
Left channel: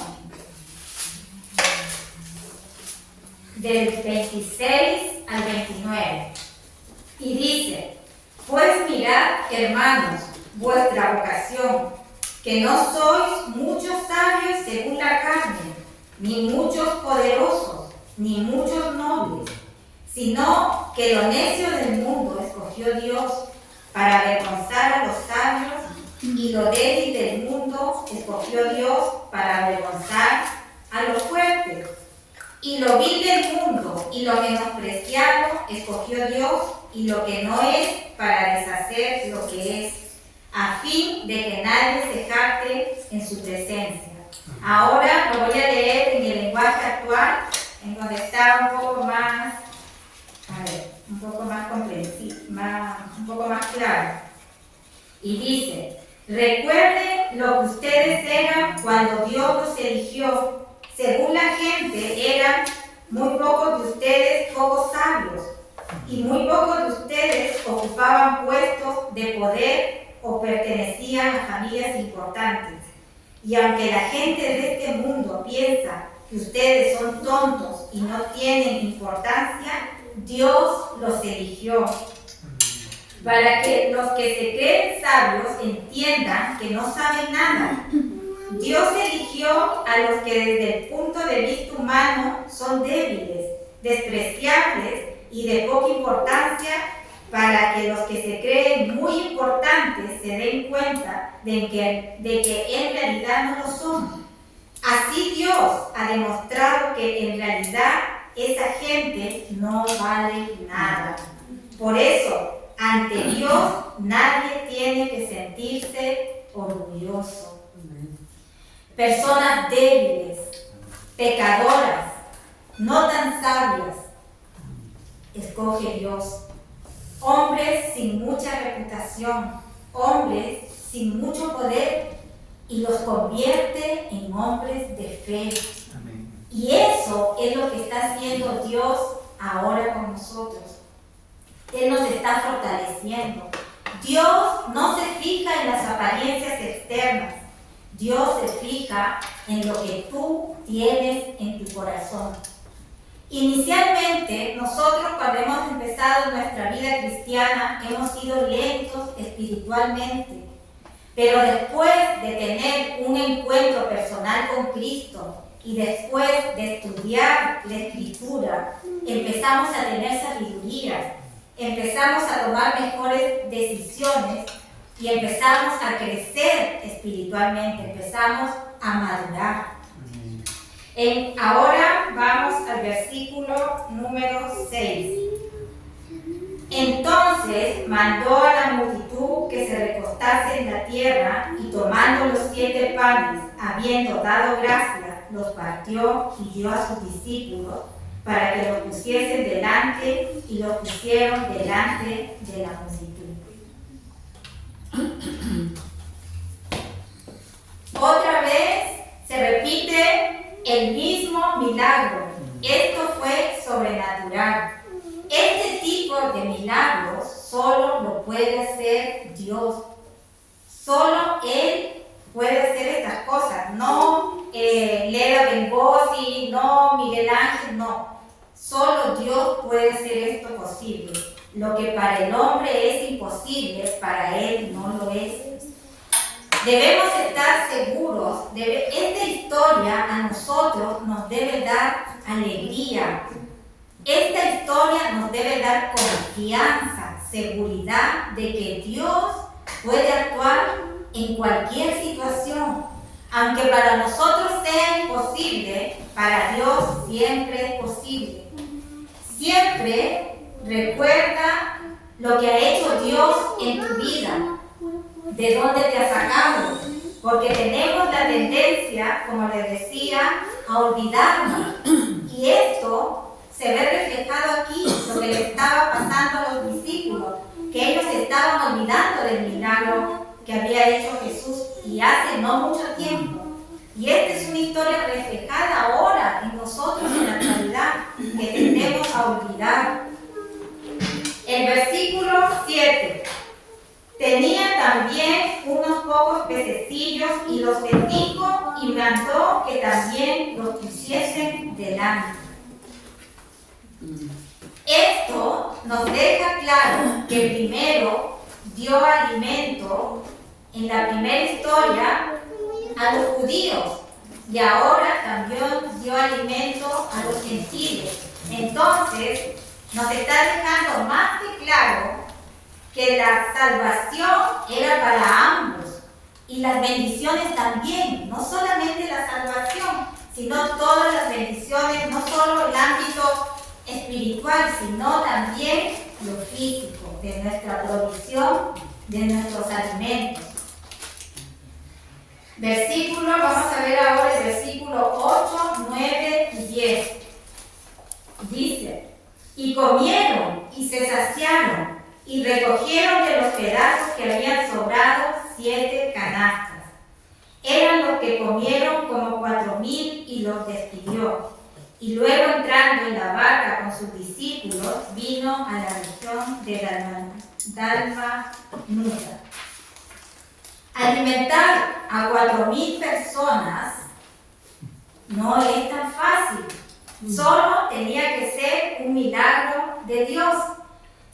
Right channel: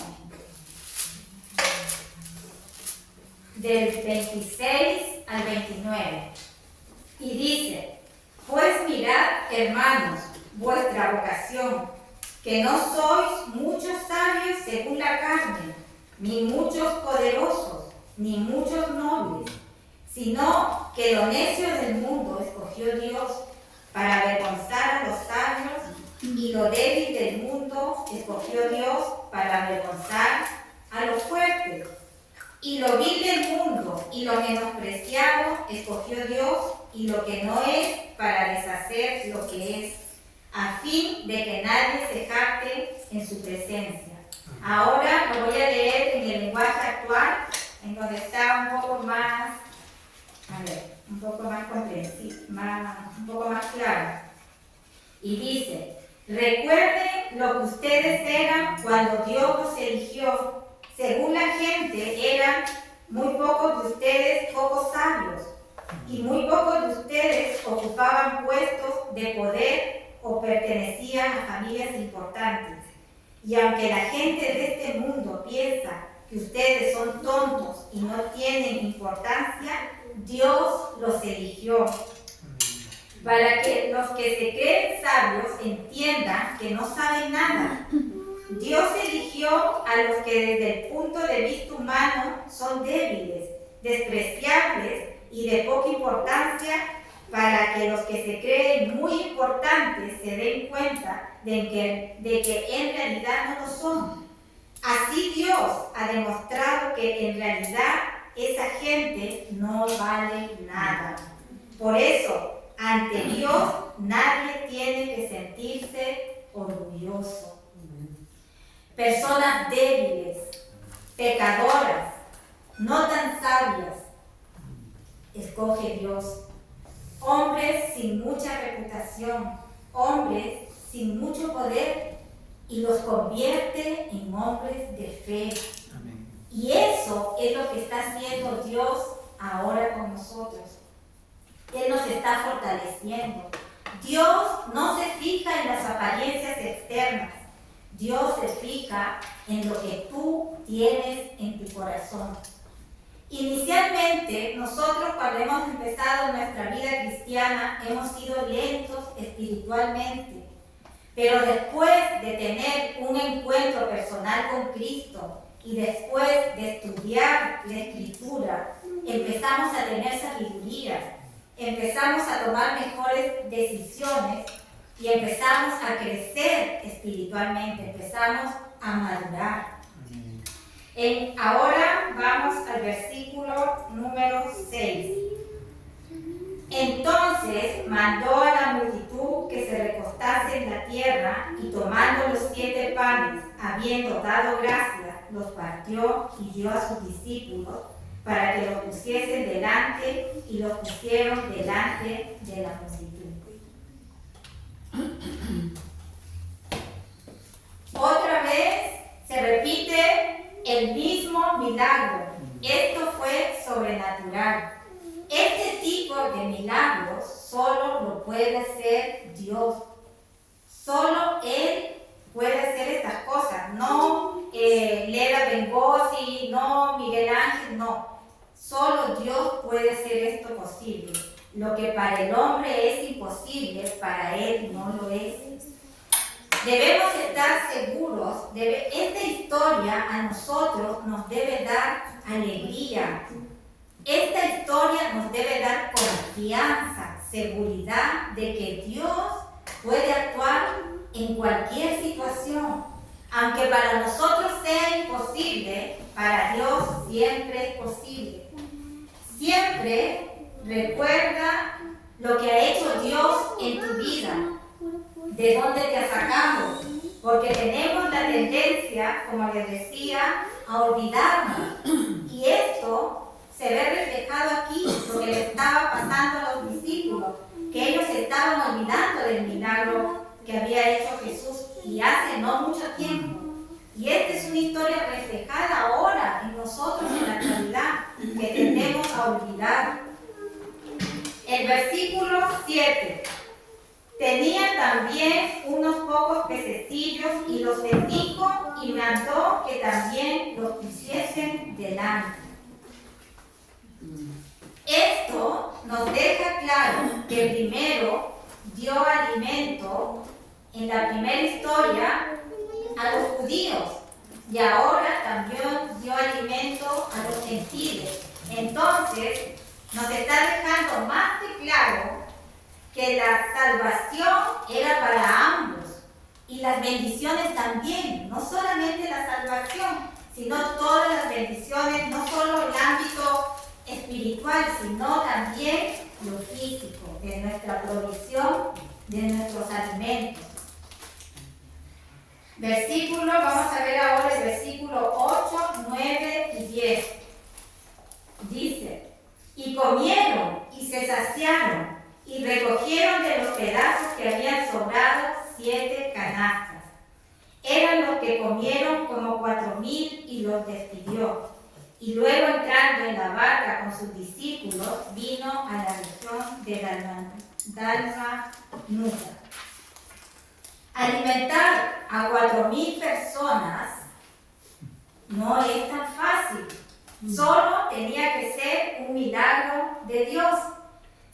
del 26 al 29. Y dice, pues mirad, hermanos, vuestra vocación, que no sois muchos sabios según la carne, ni muchos poderosos, ni muchos nobles, sino que lo necio del mundo escogió Dios para avergonzar a los sabios, y lo débil del mundo escogió Dios para avergonzar a los fuertes. Y lo vil del mundo y lo menospreciado escogió Dios, y lo que no es, para deshacer lo que es, a fin de que nadie se jacte en su presencia. Ahora lo voy a leer en el lenguaje actual, en donde está un poco más, un poco más comprensible, un poco más claro. Y dice, recuerden lo que ustedes eran cuando Dios los eligió. Según la gente, eran muy pocos de ustedes pocos sabios, y muy pocos de ustedes ocupaban puestos de poder o pertenecían a familias importantes. Y aunque la gente de este mundo piensa que ustedes son tontos y no tienen importancia, Dios los eligió para que los que se creen sabios entiendan que no saben nada. Dios eligió a los que desde el punto de vista humano son débiles, despreciables y de poca importancia, para que los que se creen muy importantes se den cuenta de que en realidad no lo son. Así Dios ha demostrado que en realidad esa gente no vale nada. Por eso, ante Dios nadie tiene que sentirse orgulloso. Personas débiles, pecadoras, no tan sabias, escoge Dios. Hombres sin mucha reputación, hombres sin mucho poder, y los convierte en hombres de fe. Amén. Y eso es lo que está haciendo Dios ahora con nosotros. Él nos está fortaleciendo. Dios no se fija en las apariencias externas. Dios se fija en lo que tú tienes en tu corazón. Inicialmente, nosotros cuando hemos empezado nuestra vida cristiana, hemos sido lentos espiritualmente. Pero después de tener un encuentro personal con Cristo y después de estudiar la Escritura, empezamos a tener sabiduría, empezamos a tomar mejores decisiones y empezamos a crecer espiritualmente, empezamos a madurar. Ahora vamos al versículo número 6. Entonces mandó a la multitud que se recostase en la tierra y tomando los 7 panes, habiendo dado gracias, los partió y dio a sus discípulos para que los pusiesen delante y los pusieron delante de la multitud. Otra vez se repite el mismo milagro. Esto fue sobrenatural. Este tipo de milagros solo lo puede hacer Dios. Solo Él puede hacer estas cosas. No Leda Bengosi, no Miguel Ángel, no. Solo Dios puede hacer esto posible. Lo que para el hombre es imposible, para Él no lo es. Debemos estar seguros, esta historia a nosotros nos debe dar alegría. Esta historia nos debe dar confianza, seguridad de que Dios puede actuar en cualquier situación. Aunque para nosotros sea imposible, para Dios siempre es posible. Siempre recuerda lo que ha hecho Dios en tu vida, de dónde te ha sacado, porque tenemos la tendencia, como les decía, a olvidarnos. Y esto se ve reflejado aquí, lo que le estaba pasando a los discípulos, que ellos estaban olvidando del milagro que había hecho Jesús y hace no mucho tiempo. Y esta es una historia reflejada ahora en nosotros en la actualidad, que tendemos a olvidar. El versículo 7. Tenía también unos pocos pececillos y los bendijo y mandó que también los pusiesen delante. Esto nos deja claro que primero dio alimento en la primera historia a los judíos y ahora también dio alimento a los gentiles. Entonces nos está dejando más que claro que la salvación era para ambos y las bendiciones también, no solamente la salvación, sino todas las bendiciones, no solo el ámbito espiritual, sino también lo físico, de nuestra provisión, de nuestros alimentos. Vamos a ver ahora el versículo 8, 9 y 10. Dice: y comieron y se saciaron y recogieron de los pedazos que habían sobrado 7 canastas. Eran los que comieron como 4,000 y los despidió. Y luego entrando en la barca con sus discípulos, vino a la región de Dalmanuta. Alimentar a 4,000 personas no es tan fácil. Solo tenía que ser un milagro de Dios.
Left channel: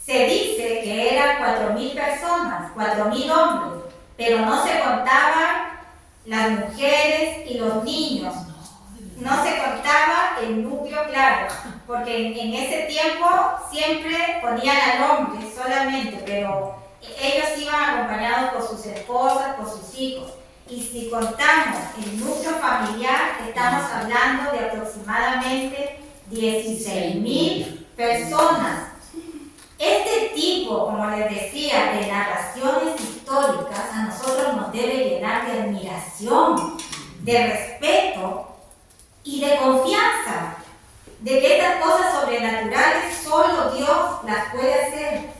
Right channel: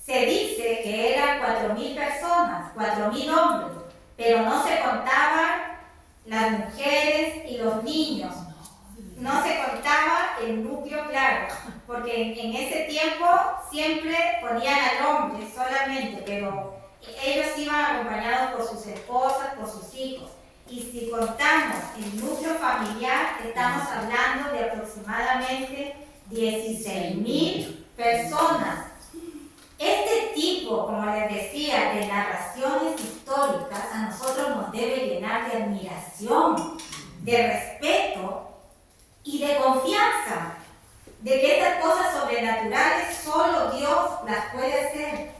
Se dice que eran 4,000 personas, 4,000 hombres, pero no se contaban las mujeres y los niños. No se contaba el núcleo claro, porque en ese tiempo siempre ponían al hombre solamente, pero ellos iban acompañados por sus esposas, por sus hijos. y si contamos el núcleo familiar, estamos hablando de aproximadamente 16.000 personas. Este tipo, como les decía, de narraciones históricas a nosotros nos debe llenar de admiración, de respeto y de confianza, de que estas cosas sobrenaturales solo Dios las puede hacer.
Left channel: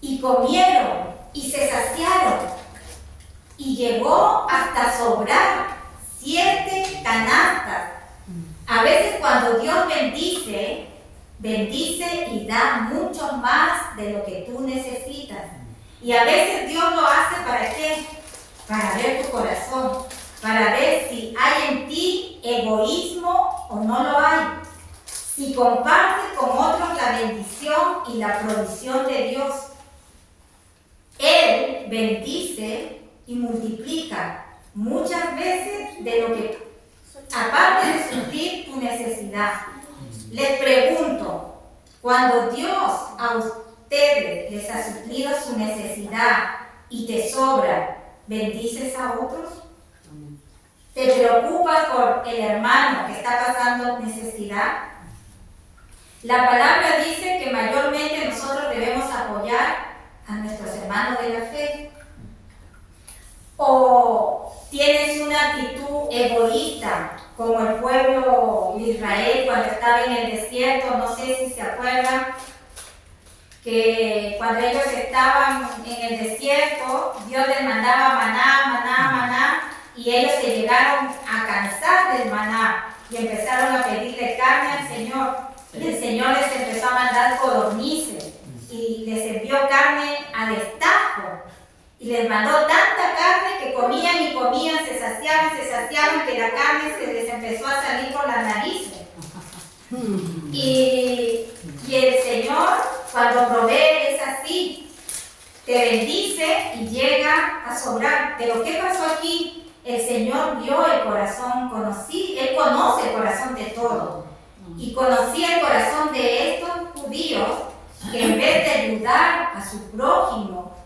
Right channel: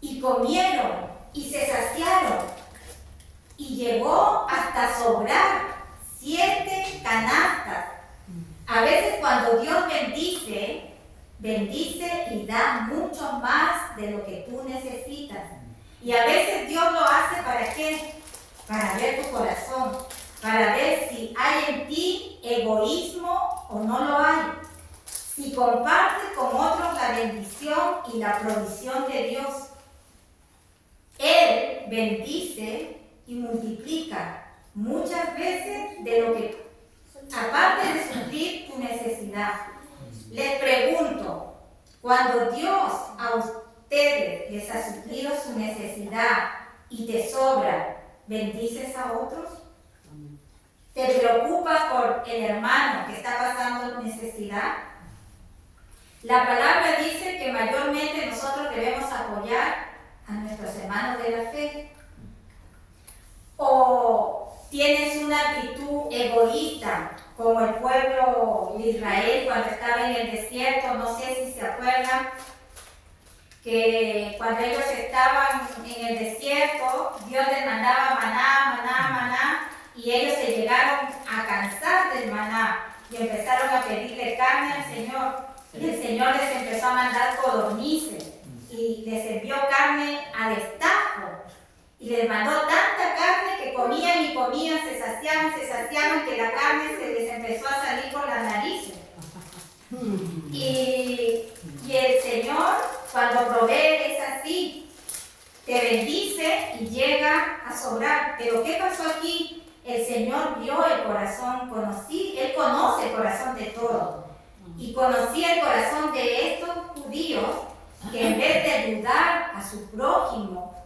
Y comieron y se saciaron y llegó hasta sobrar 7 canastas. A veces cuando Dios bendice y da mucho más de lo que tú necesitas. Y a veces Dios lo hace ¿para qué? Para ver tu corazón, para ver si hay en ti egoísmo o no lo hay. Si compartes con otros la bendición y la provisión de Dios. Él bendice y multiplica muchas veces de lo que, aparte de suplir tu necesidad. Les pregunto, cuando Dios a ustedes les ha suplido su necesidad y te sobra, ¿bendices a otros? ¿Te preocupas por el hermano que está pasando necesidad? La palabra dice que mayormente nosotros debemos apoyar a nuestros hermanos de la fe. ¿O tienes una actitud egoísta como el pueblo de Israel cuando estaba en el desierto? No sé si se acuerdan que cuando ellos estaban en el desierto, Dios les mandaba maná, y ellos se llegaron a cansar del maná y empezaron a pedirle carne al Señor. Y el Señor les empezó a mandar codornices y les envió carne a destajo. Y les mandó tanta carne que comían y comían, se saciaban, que la carne se les empezó a salir por las narices. Y el Señor, cuando provee, es así. Te bendice y llega a sobrar. Pero ¿qué pasó aquí? El Señor vio el corazón, Él conoce el corazón de todos. Y conocía el corazón de estos judíos que en vez de ayudar a su prójimo,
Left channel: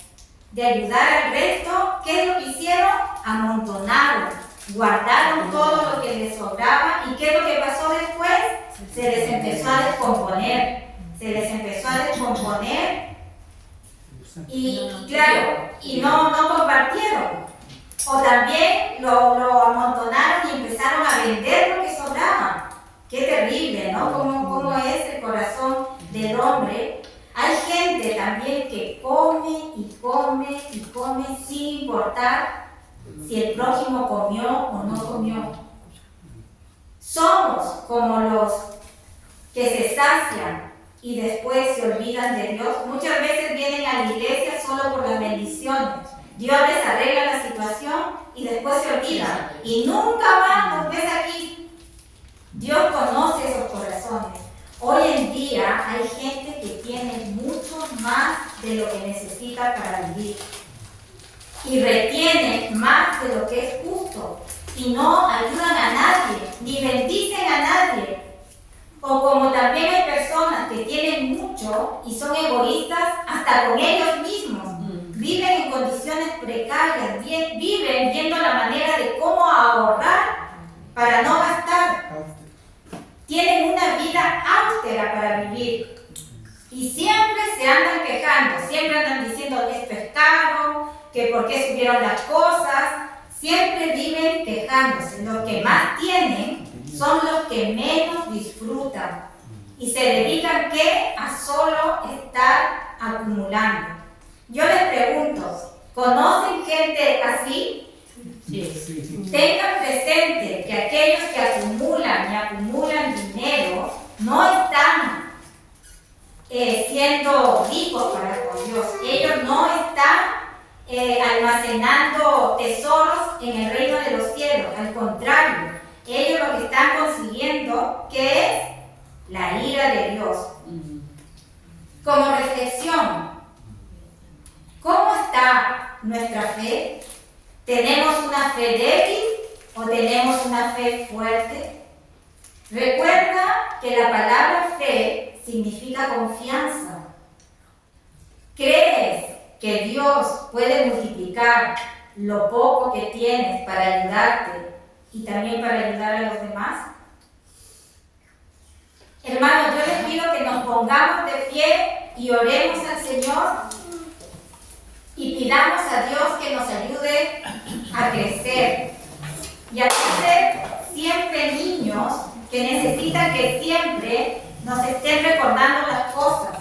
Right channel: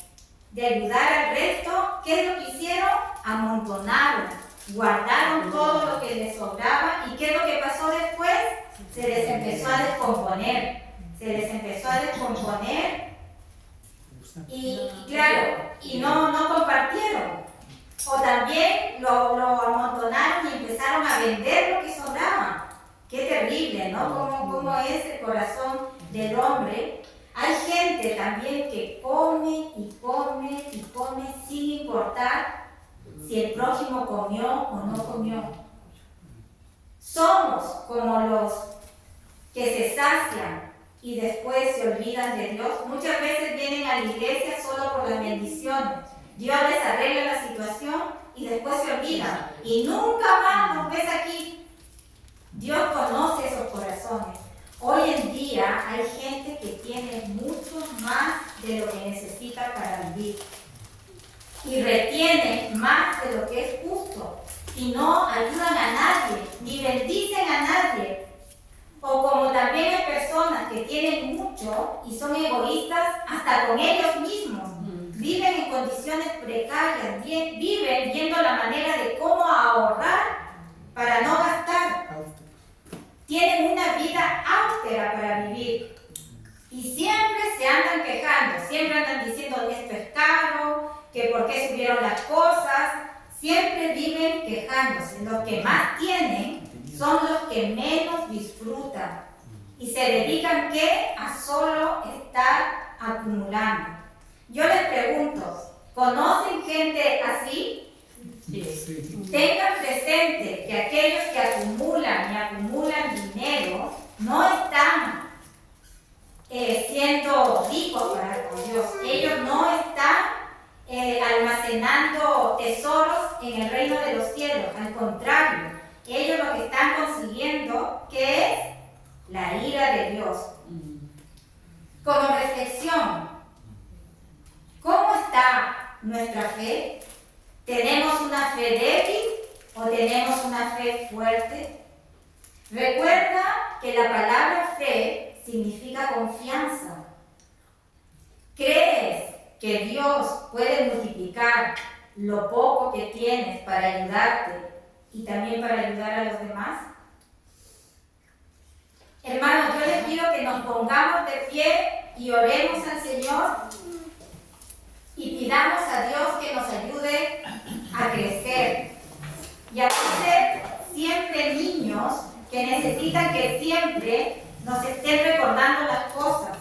de ayudar al resto, ¿qué es lo que hicieron? Amontonaron, guardaron todo lo que les sobraba. ¿Y qué es lo que pasó después? Se les empezó a descomponer. Y claro, y no compartieron. O también lo amontonaron y empezaron a vender lo que sobraba. Qué terrible, ¿no? ¿Cómo es el corazón del hombre? Hay gente también que come y come sin importar si el prójimo comió o no comió. Somos como los que se sacian y después se olvidan de Dios. Muchas veces vienen a la iglesia solo por las bendiciones. Dios les arregla la situación y después se olvidan. Y nunca más nos ves aquí. Dios conoce esos corazones. Hoy en día hay gente que tiene mucho más de lo que necesita para vivir. Y retiene más de lo que es justo. Y no ayudan a nadie, ni bendicen a nadie. O como también hay personas que tienen mucho y son egoístas hasta con ellos mismos. Viven en condiciones precarias, viven viendo la manera de cómo ahorrar para no gastar. Tienen una vida austera para vivir. Y siempre se andan quejando, siempre andan diciendo esto es caro, que por qué subieron las cosas. Siempre viven quejándose. Los que más tienen son los que menos disfrutan. Y se dedican ¿qué? A solo estar acumulando. Yo les pregunto, ¿conocen gente así? Sí. Tengan presente que aquellos que acumulan y acumulan dinero no están siendo ricos para con Dios. Ellos no están almacenando tesoros en el reino de los cielos. Al contrario, ellos lo que están consiguiendo, ¿qué es? La ira de Dios. Como reflexión, ¿cómo está nuestra fe? ¿Tenemos una fe débil o tenemos una fe fuerte? Recuerda que la palabra fe significa confianza. ¿Crees que Dios puede multiplicar lo poco que tienes para ayudarte y también para ayudar a los demás? Hermanos, yo les pido que nos pongamos de pie y oremos al Señor y pidamos a Dios que nos ayude a crecer y a ser siempre niños que necesitan que siempre nos estén recordando las cosas.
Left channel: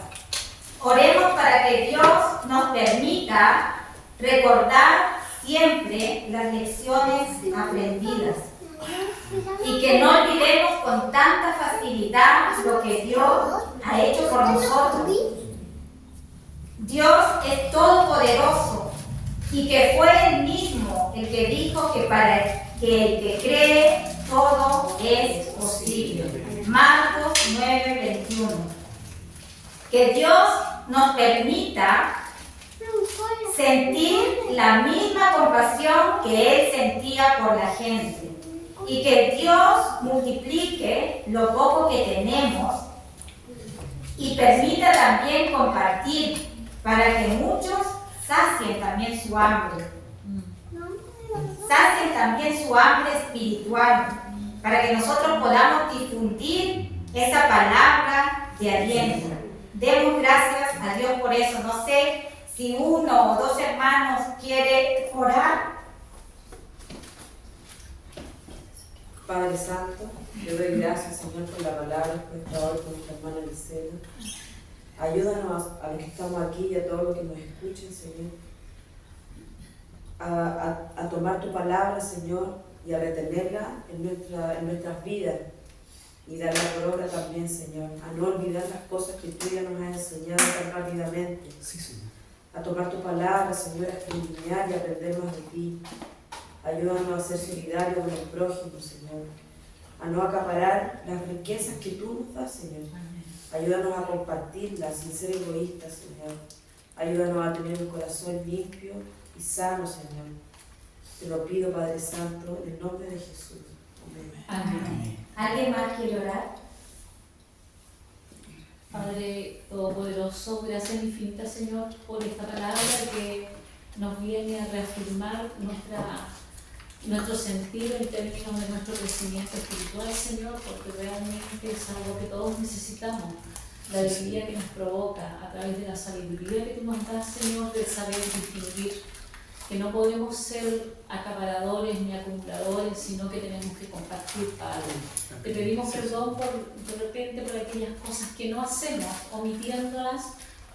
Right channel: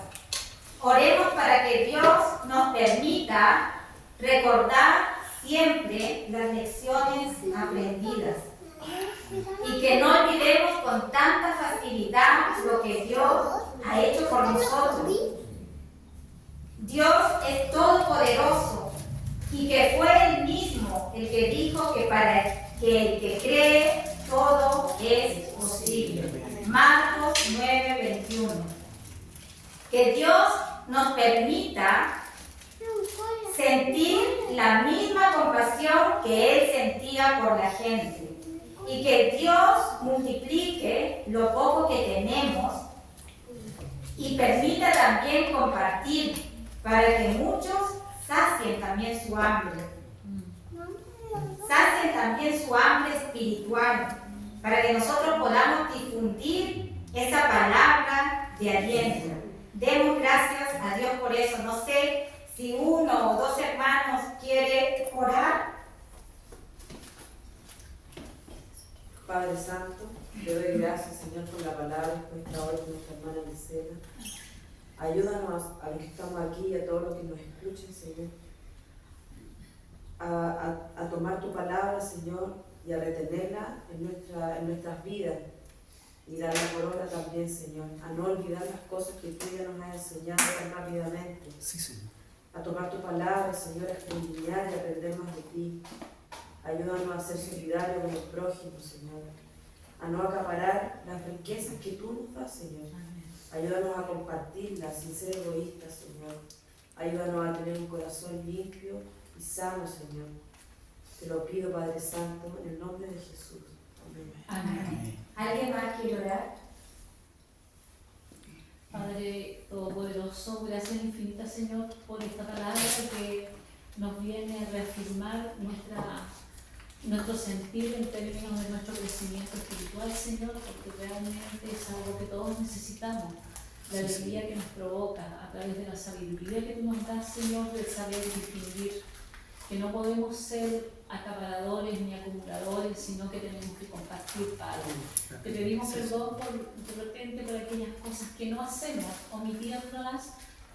Oremos para que Dios nos permita recordar siempre las lecciones aprendidas y que no olvidemos con tanta facilidad lo que Dios ha hecho por nosotros. Dios es todopoderoso y que fue Él mismo el que dijo que para que el que cree todo es posible. Marcos 9:21. Que Dios nos permita sentir la misma compasión que Él sentía por la gente y que Dios multiplique lo poco que tenemos y permita también compartir para que muchos sacien también su hambre. Sacien también su hambre espiritual para que nosotros podamos difundir esa palabra de aliento. Demos gracias a Dios por eso. No sé si uno o dos hermanos quiere orar. Padre Santo, te doy gracias, Señor, por la palabra expuesta hoy por nuestra hermana Gisela. Ayúdanos a los que estamos aquí y a todos los que nos escuchen, Señor, a tomar tu palabra, Señor, y a retenerla en nuestras vidas y darla por obra también, Señor. A no olvidar las cosas que tú ya nos has enseñado tan rápidamente. Sí, Señor. A tomar tu palabra, Señor, a escudriñar y a aprender más de ti. Ayúdanos a ser solidarios con el prójimo, Señor. A no acaparar las riquezas que tú nos das, Señor. Ayúdanos a compartirlas sin ser egoístas, Señor. Ayúdanos a tener un corazón limpio y sano, Señor. Te lo pido, Padre Santo, en el nombre de Jesús. Amén. Amén. ¿Alguien más quiere orar? Padre Todopoderoso, gracias infinitas, Señor, por esta palabra que nos viene a reafirmar nuestro sentido en términos de nuestro crecimiento espiritual, Señor, porque realmente es algo que todos necesitamos. La alegría que nos provoca a través de la sabiduría que tú nos das, Señor, de saber distinguir que no podemos ser acaparadores ni acumuladores, sino que tenemos que compartir, Padre. Te pedimos perdón de repente por aquellas cosas que no hacemos, omitiéndolas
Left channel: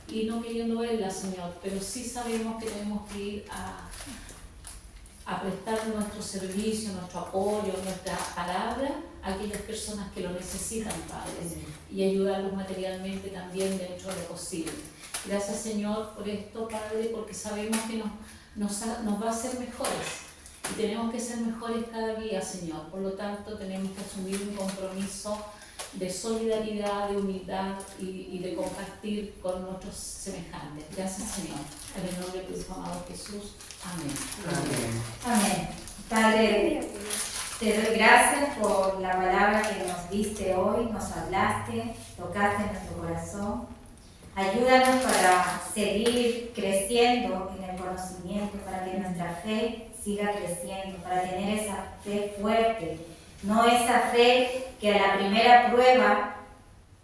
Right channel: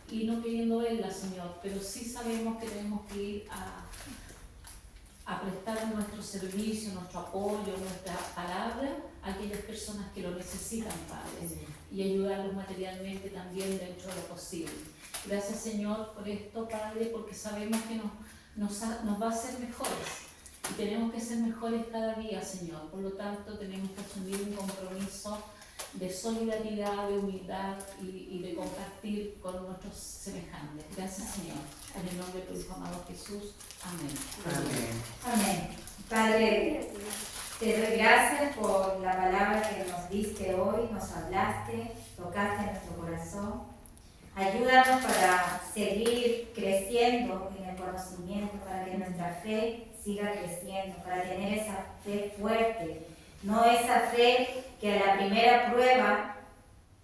y no queriendo verlas, Señor, pero sí sabemos que tenemos que ir a prestar nuestro servicio, nuestro apoyo, nuestra palabra a aquellas personas que lo necesitan, Padre, y ayudarlos materialmente también dentro de lo posible. Gracias, Señor, por esto, Padre, porque sabemos que nos va a hacer mejores y tenemos que ser mejores cada día, Señor. Por lo tanto, tenemos que asumir un compromiso de solidaridad, de humildad y de compartir con nuestros semejantes. Gracias, Señor. En el nombre de tu Hijo amado Jesús. Amén. Amén. Amén. Padre, te doy gracias por la palabra que nos diste hoy, nos hablaste, tocaste nuestro corazón. Ayúdanos para seguir creciendo en el conocimiento, para que nuestra fe siga creciendo, para tener esa fe fuerte, no esa fe que a la primera prueba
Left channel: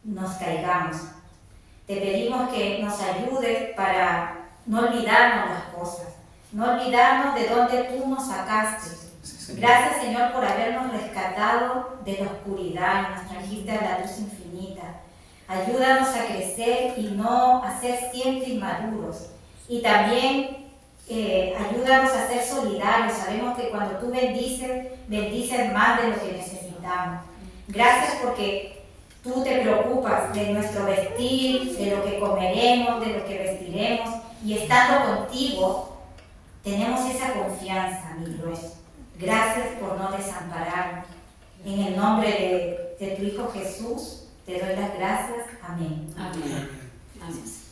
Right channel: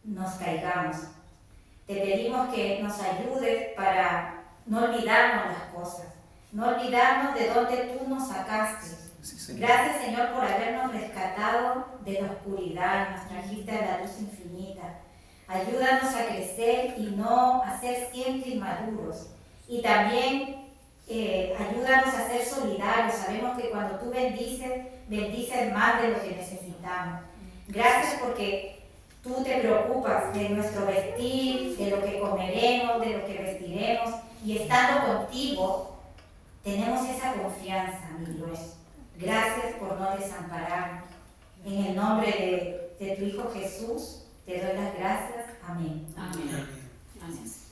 nos caigamos. Te pedimos que nos ayudes para no olvidarnos las cosas, no olvidarnos de dónde tú nos sacaste. Gracias, Señor, por habernos rescatado de la oscuridad y nos trajiste a la luz infinita. Ayúdanos a crecer y no a ser siempre inmaduros. Y también ayúdanos a ser solidarios. Sabemos que cuando tú bendices, bendices más de lo que necesitamos. Gracias porque tú te preocupas de nuestro vestir, de lo que comeremos, de lo que vestiremos. Y estando contigo, tenemos esa confianza, mi Dios. Gracias por no desampararnos. En el nombre de tu Hijo Jesús, te doy las gracias. Amén. Amén. Amén.